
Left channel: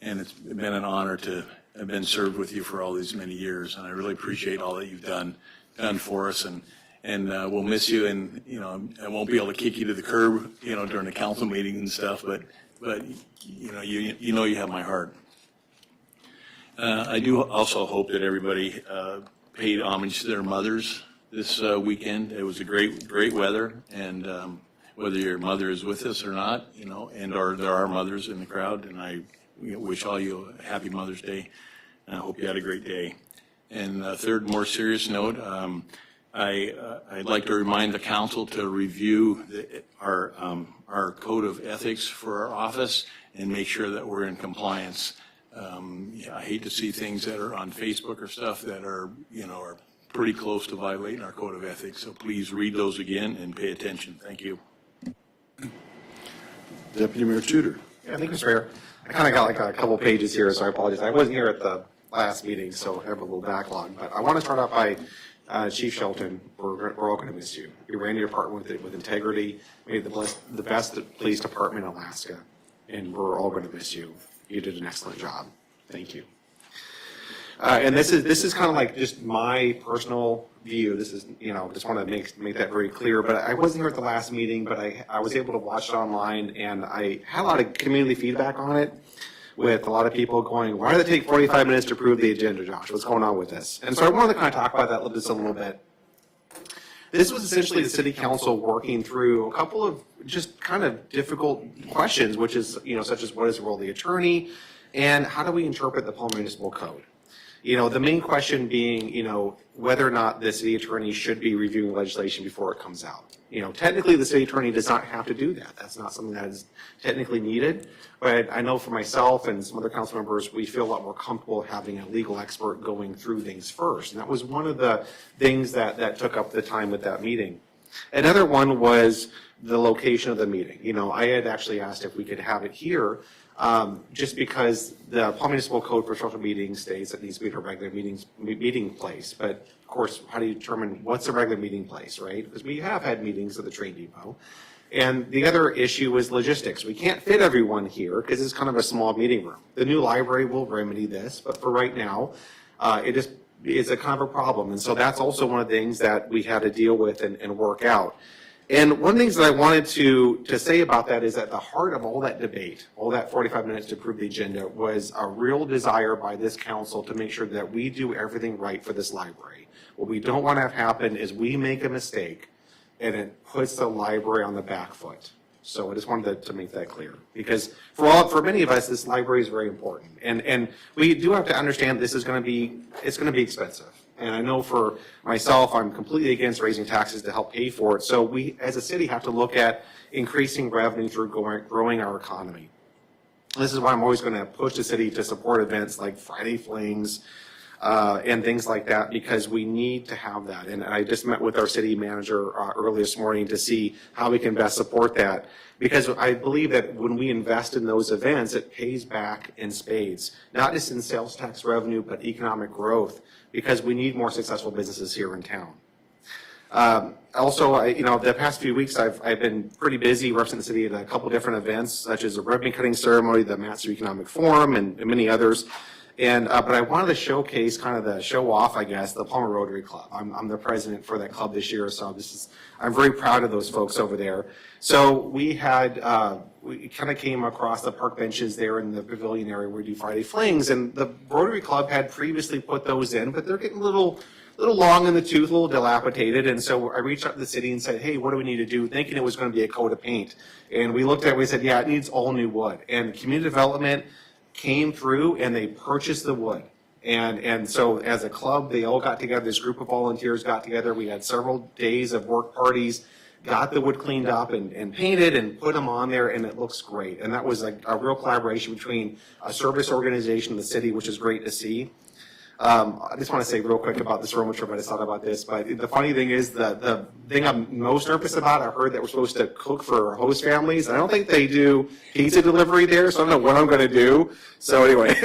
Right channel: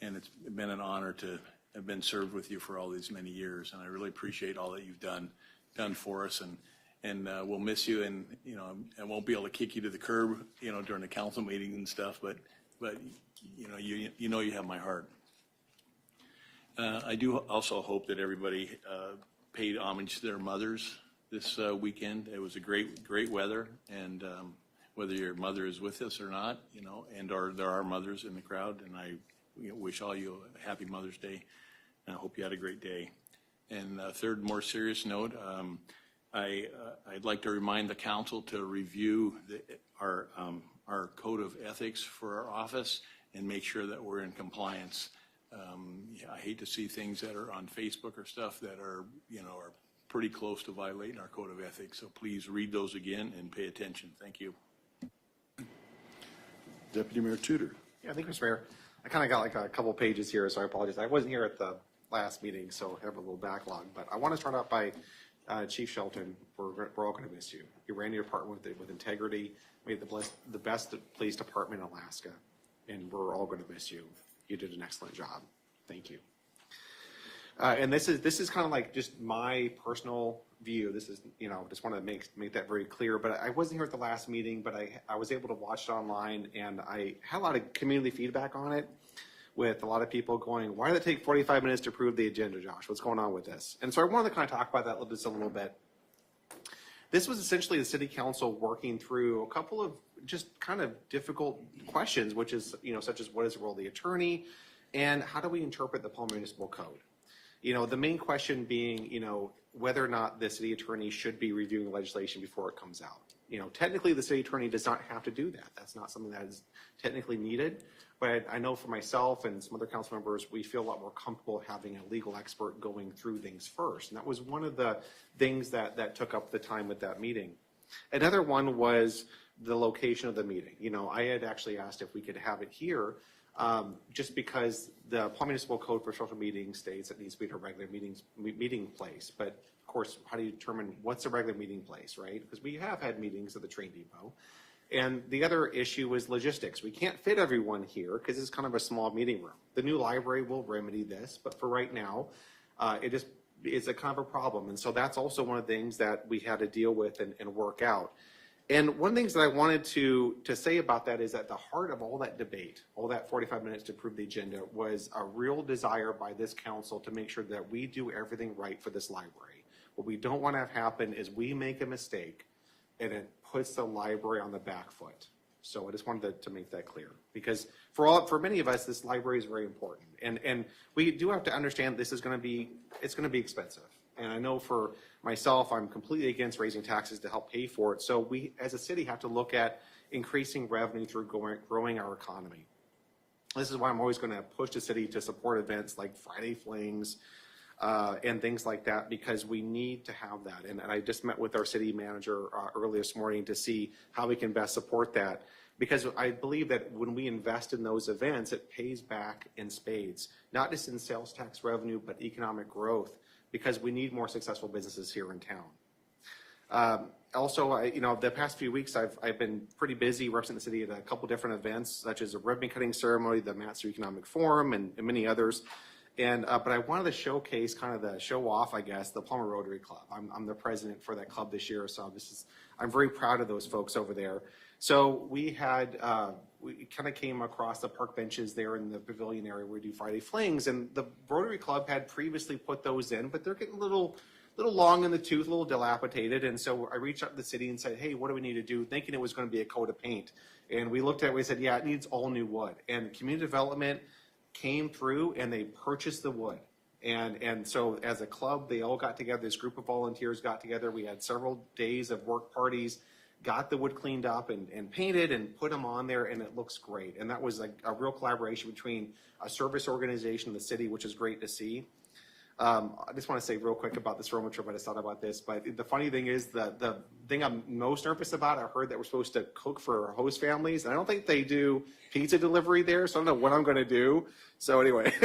And it's been an honor to have been served with you for all these many years. And I really appreciate all that you've done for us. And we'll miss you. And, you know, I won't be able to kick you to the curb, you know, during the council meetings and stuff, but you know you have my heart. I do also hope that everybody paid homage to their mothers this weekend. It was a great weather, and whether your mother is with us or not, you know, or there are mothers in the crowd, and I wish all you a happy Mother's Day, and I hope you had a great day. And third, more serious note, I'd like to remind the council to review our code of ethics for our office and make sure that we're in compliance. I hate to see things that are on Facebook or stuff that are pretty close to violating our code of ethics. So please read those again and pay attention. Thank you. Deputy Mayor Tudor. Yeah, thank you, Mr. Mayor. I kind of got like a couple pages here, so I apologize. I wasn't here at the last meeting, so I have a little backlog. But I want to start out by Chief Shelton. We're all going to miss you. You ran your department with integrity, made the best police department in Alaska, and we're all going to miss you. You did an excellent job. Thank you. And this is kind of like just my personal view. This is, just want to make that very clear. But I wasn't here at the last meeting, but I was able to watch it online, and I had a lot of community feedback on it, with a lot of people going, why did it take 45 minutes to approve the agenda, Josh? What's going on with this? And so I wanted to kind of talk about that just a little bit. This was essentially the city council working through a couple of just kind of difficult questions, which is, such as what is the role of the attorney, and how do we interpret the Palmer Municipal Code? The main question being, whether or not the city attorney should be reviewing legislation before it comes out. Technically the city attorney does not have to do that. That's not something that is technically needed. But I know for myself and some other council members, we feel a lot more comfortable having a legal expert going through things first. And that was one of the things that took up the time at that meeting. Another one was the location of the meeting. I had actually asked if we could have it here, just because the Palmer Municipal Code for special meetings states that it needs to be at a regular meeting place. But of course, how do you determine what's a regular meeting place, right? Because we have had meetings at the train depot. And the other issue is logistics. We can't fit everyone here because it's kind of a small meeting room. The new library will remedy this, but for right now, it is a kind of a problem. And so that's also one of the things that we had to deal with and work out. And one of the things that I wanted to say about that is at the heart of all that debate, all that 45 minutes to approve the agenda, was a real desire by this council to make sure that we do everything right for this library. What we don't want to have happen is we make a mistake and it puts the library on the back foot. So I just wanted to make that clear, because for many of us, this library is very important, and we do have to understand this is going to be expensive. And I know for myself, I'm completely against raising taxes to help pay for it. So we, as a city, have to look at increasing revenue through growing our economy. This is why I'm always going to push the city to support events like Friday Flings, and things like that, because we need to have that. And I just met with our city manager early this morning to see how we can best support that, because I believe that when we invest in those events, it pays back in spades, not just in sales tax revenue, but economic growth, because we need more successful businesses here in town. Also, the past few weeks, I've been pretty busy representing the city at a couple different events, such as the ribbon cutting ceremony, the Master Economic Forum, and many others. And, but I wanted to showcase kind of the show off, I guess, the Palmer Rotary Club. I'm the president for that club this year, so I'm very proud of those folks over there. So we had, we kind of came across the park benches there in the pavilion area where we do Friday Flings, and the Rotary Club had previously put those in, but they're getting a little long in the tooth, a little dilapidated, and so I reached out to the city and said, hey, what do we need to do, thinking it was going to be a coat of paint. And we looked at it, we said, yeah, it needs all new wood. And community development came through and they purchased the wood. And so as a club, they all got together, this group of volunteers got together, we had several days of work parties, got the wood cleaned up and painted and put them on there, and it looks great. And that was like a real collaboration between a service organization and the city, which is great to see. I just want to say real quick about this room, which everybody thought about this, but the funny thing is the thing I'm most nervous about, I heard that we're supposed to cook for host families. I don't think they do pizza delivery there, so I don't know what I'm going to do. So anyway.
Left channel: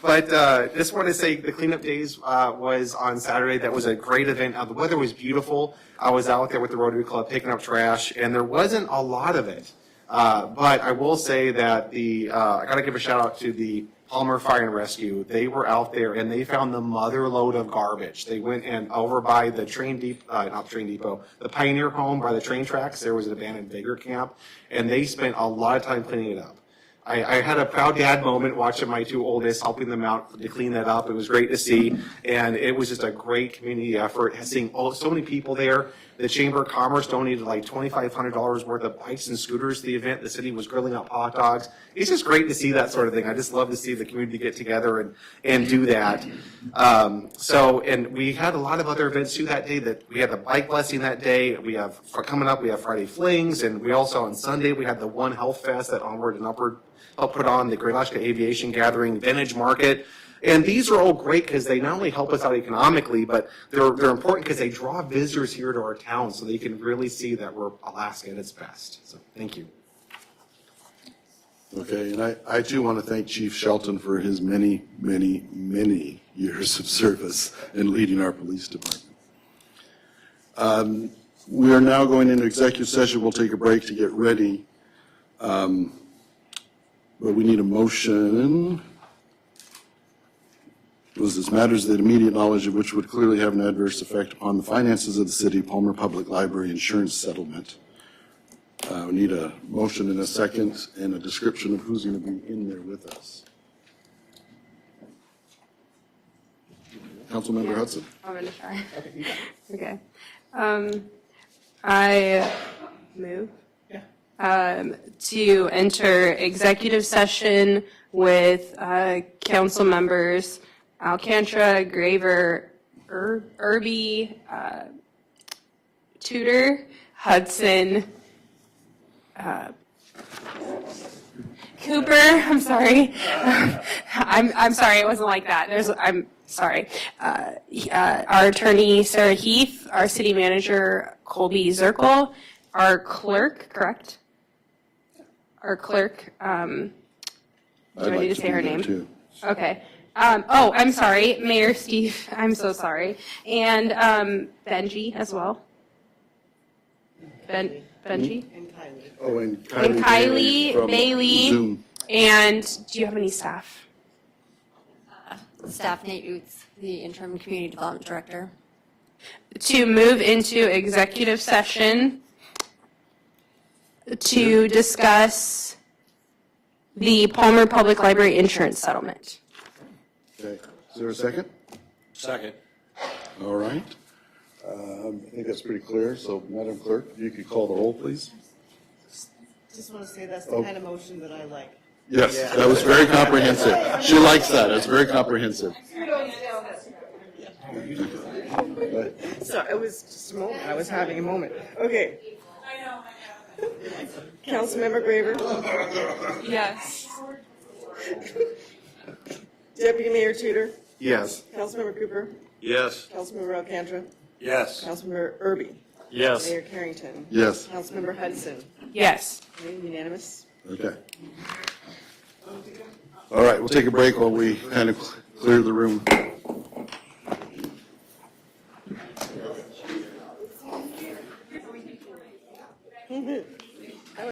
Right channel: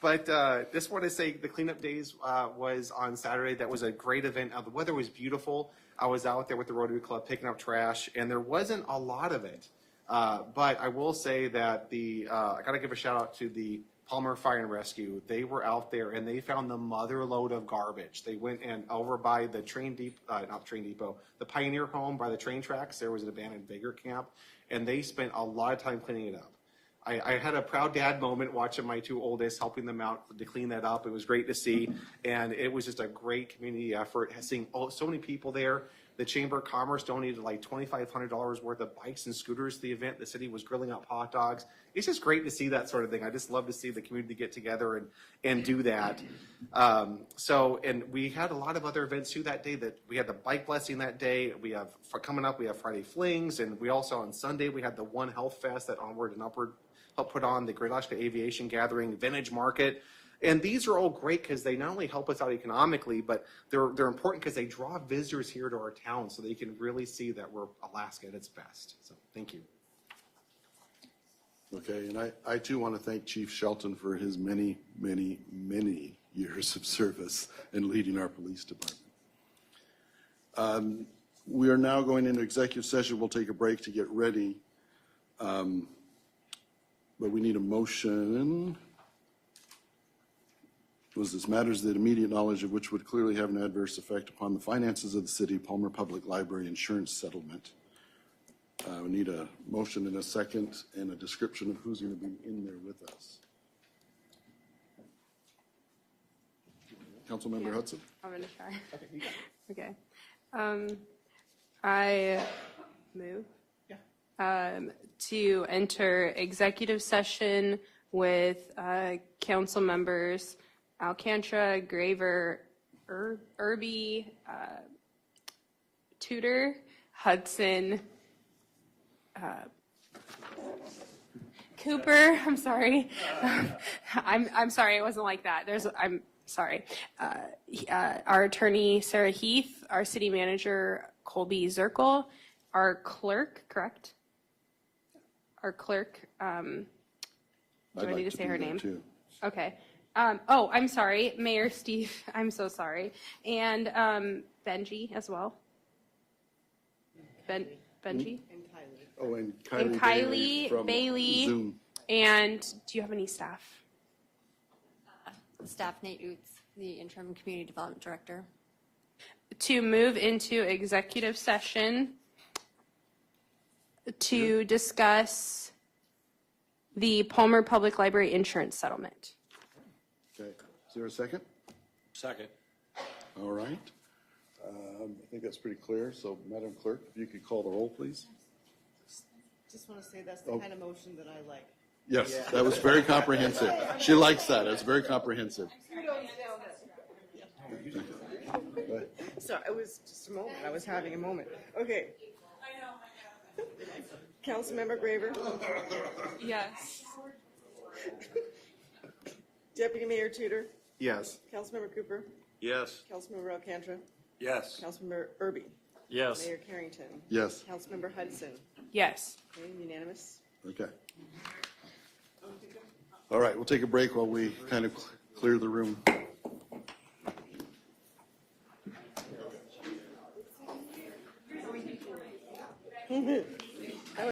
But just wanted to say the cleanup days was on Saturday. That was a great event. The weather was beautiful. I was out there with the Rotary Club picking up trash, and there wasn't a lot of it. But I will say that I got to give a shout out to the Palmer Fire and Rescue. They were out there and they found the mother load of garbage. They went and over by the the Pioneer Home by the train tracks. There was an abandoned beggar camp, and they spent a lot of time cleaning it up. I had a proud dad moment watching my two oldest, helping them out to clean that up. It was great to see, and it was just a great community effort. Seeing so many people there. The Chamber of Commerce donated like $2,500 worth of bikes and scooters to the event. The city was grilling up hot dogs. It's just great to see that sort of thing. I just love to see the community get together and do that. And we had a lot of other events too that day. That we had the bike blessing that day. We have coming up. We have Friday Flings, and we also on Sunday we had the One Health Fest that Onward and Upward helped put on, the Great Alaska Aviation Gathering, Vintage Market. And these are all great because they not only help us out economically, but they're important because they draw visitors here to our town so they can really see that we're Alaska at its best. So thank you. Okay, and I too want to thank Chief Shelton for his many, many, many years of service in leading our police department. We are now going into executive session. We'll take a break to get ready. But we need a motion. Was this matters that immediate knowledge of which would clearly have an adverse effect upon the finances of the city, Palmer Public Library insurance settlement. We need a motion in a second and a description of who's going to be in there with us. Councilmember Hudson. I'm going to try. Okay. I move to enter executive session with council members Alcantara, Graver, Irby, Tudor, Hudson, Cooper. I'm sorry. I'm sorry. It wasn't like that. I'm sorry. Our attorney Sarah Heath, our city manager Colby Zirkle, our clerk. Correct. Our clerk. Do I need to say her name? Too. Okay. I'm sorry, Mayor Steve. I'm so sorry. And Benji as well. Benji. Oh, and Kylie from Bailey. Zoom. And do you have any staff? Staff Nate Oots, the interim community development director. To move into executive session to discuss the Palmer Public Library insurance settlement. Okay, is there a second? Second. All right. I think that's pretty clear. So, Madam Clerk, if you could call the roll, please. Just want to say that's the kind of motion that I like. Yes, that was very comprehensive. She likes that. It's very comprehensive. So it was just a moment. I was having a moment. Okay. Councilmember Graver. Yes. Deputy Mayor Tudor. Yes. Councilmember Cooper. Yes. Councilmember Alcantara. Yes. Councilmember Irby. Yes. Mayor Carrington. Yes. Councilmember Hudson. Yes. Okay, unanimous. Okay. All right, we'll take a break while we kind of clear the room.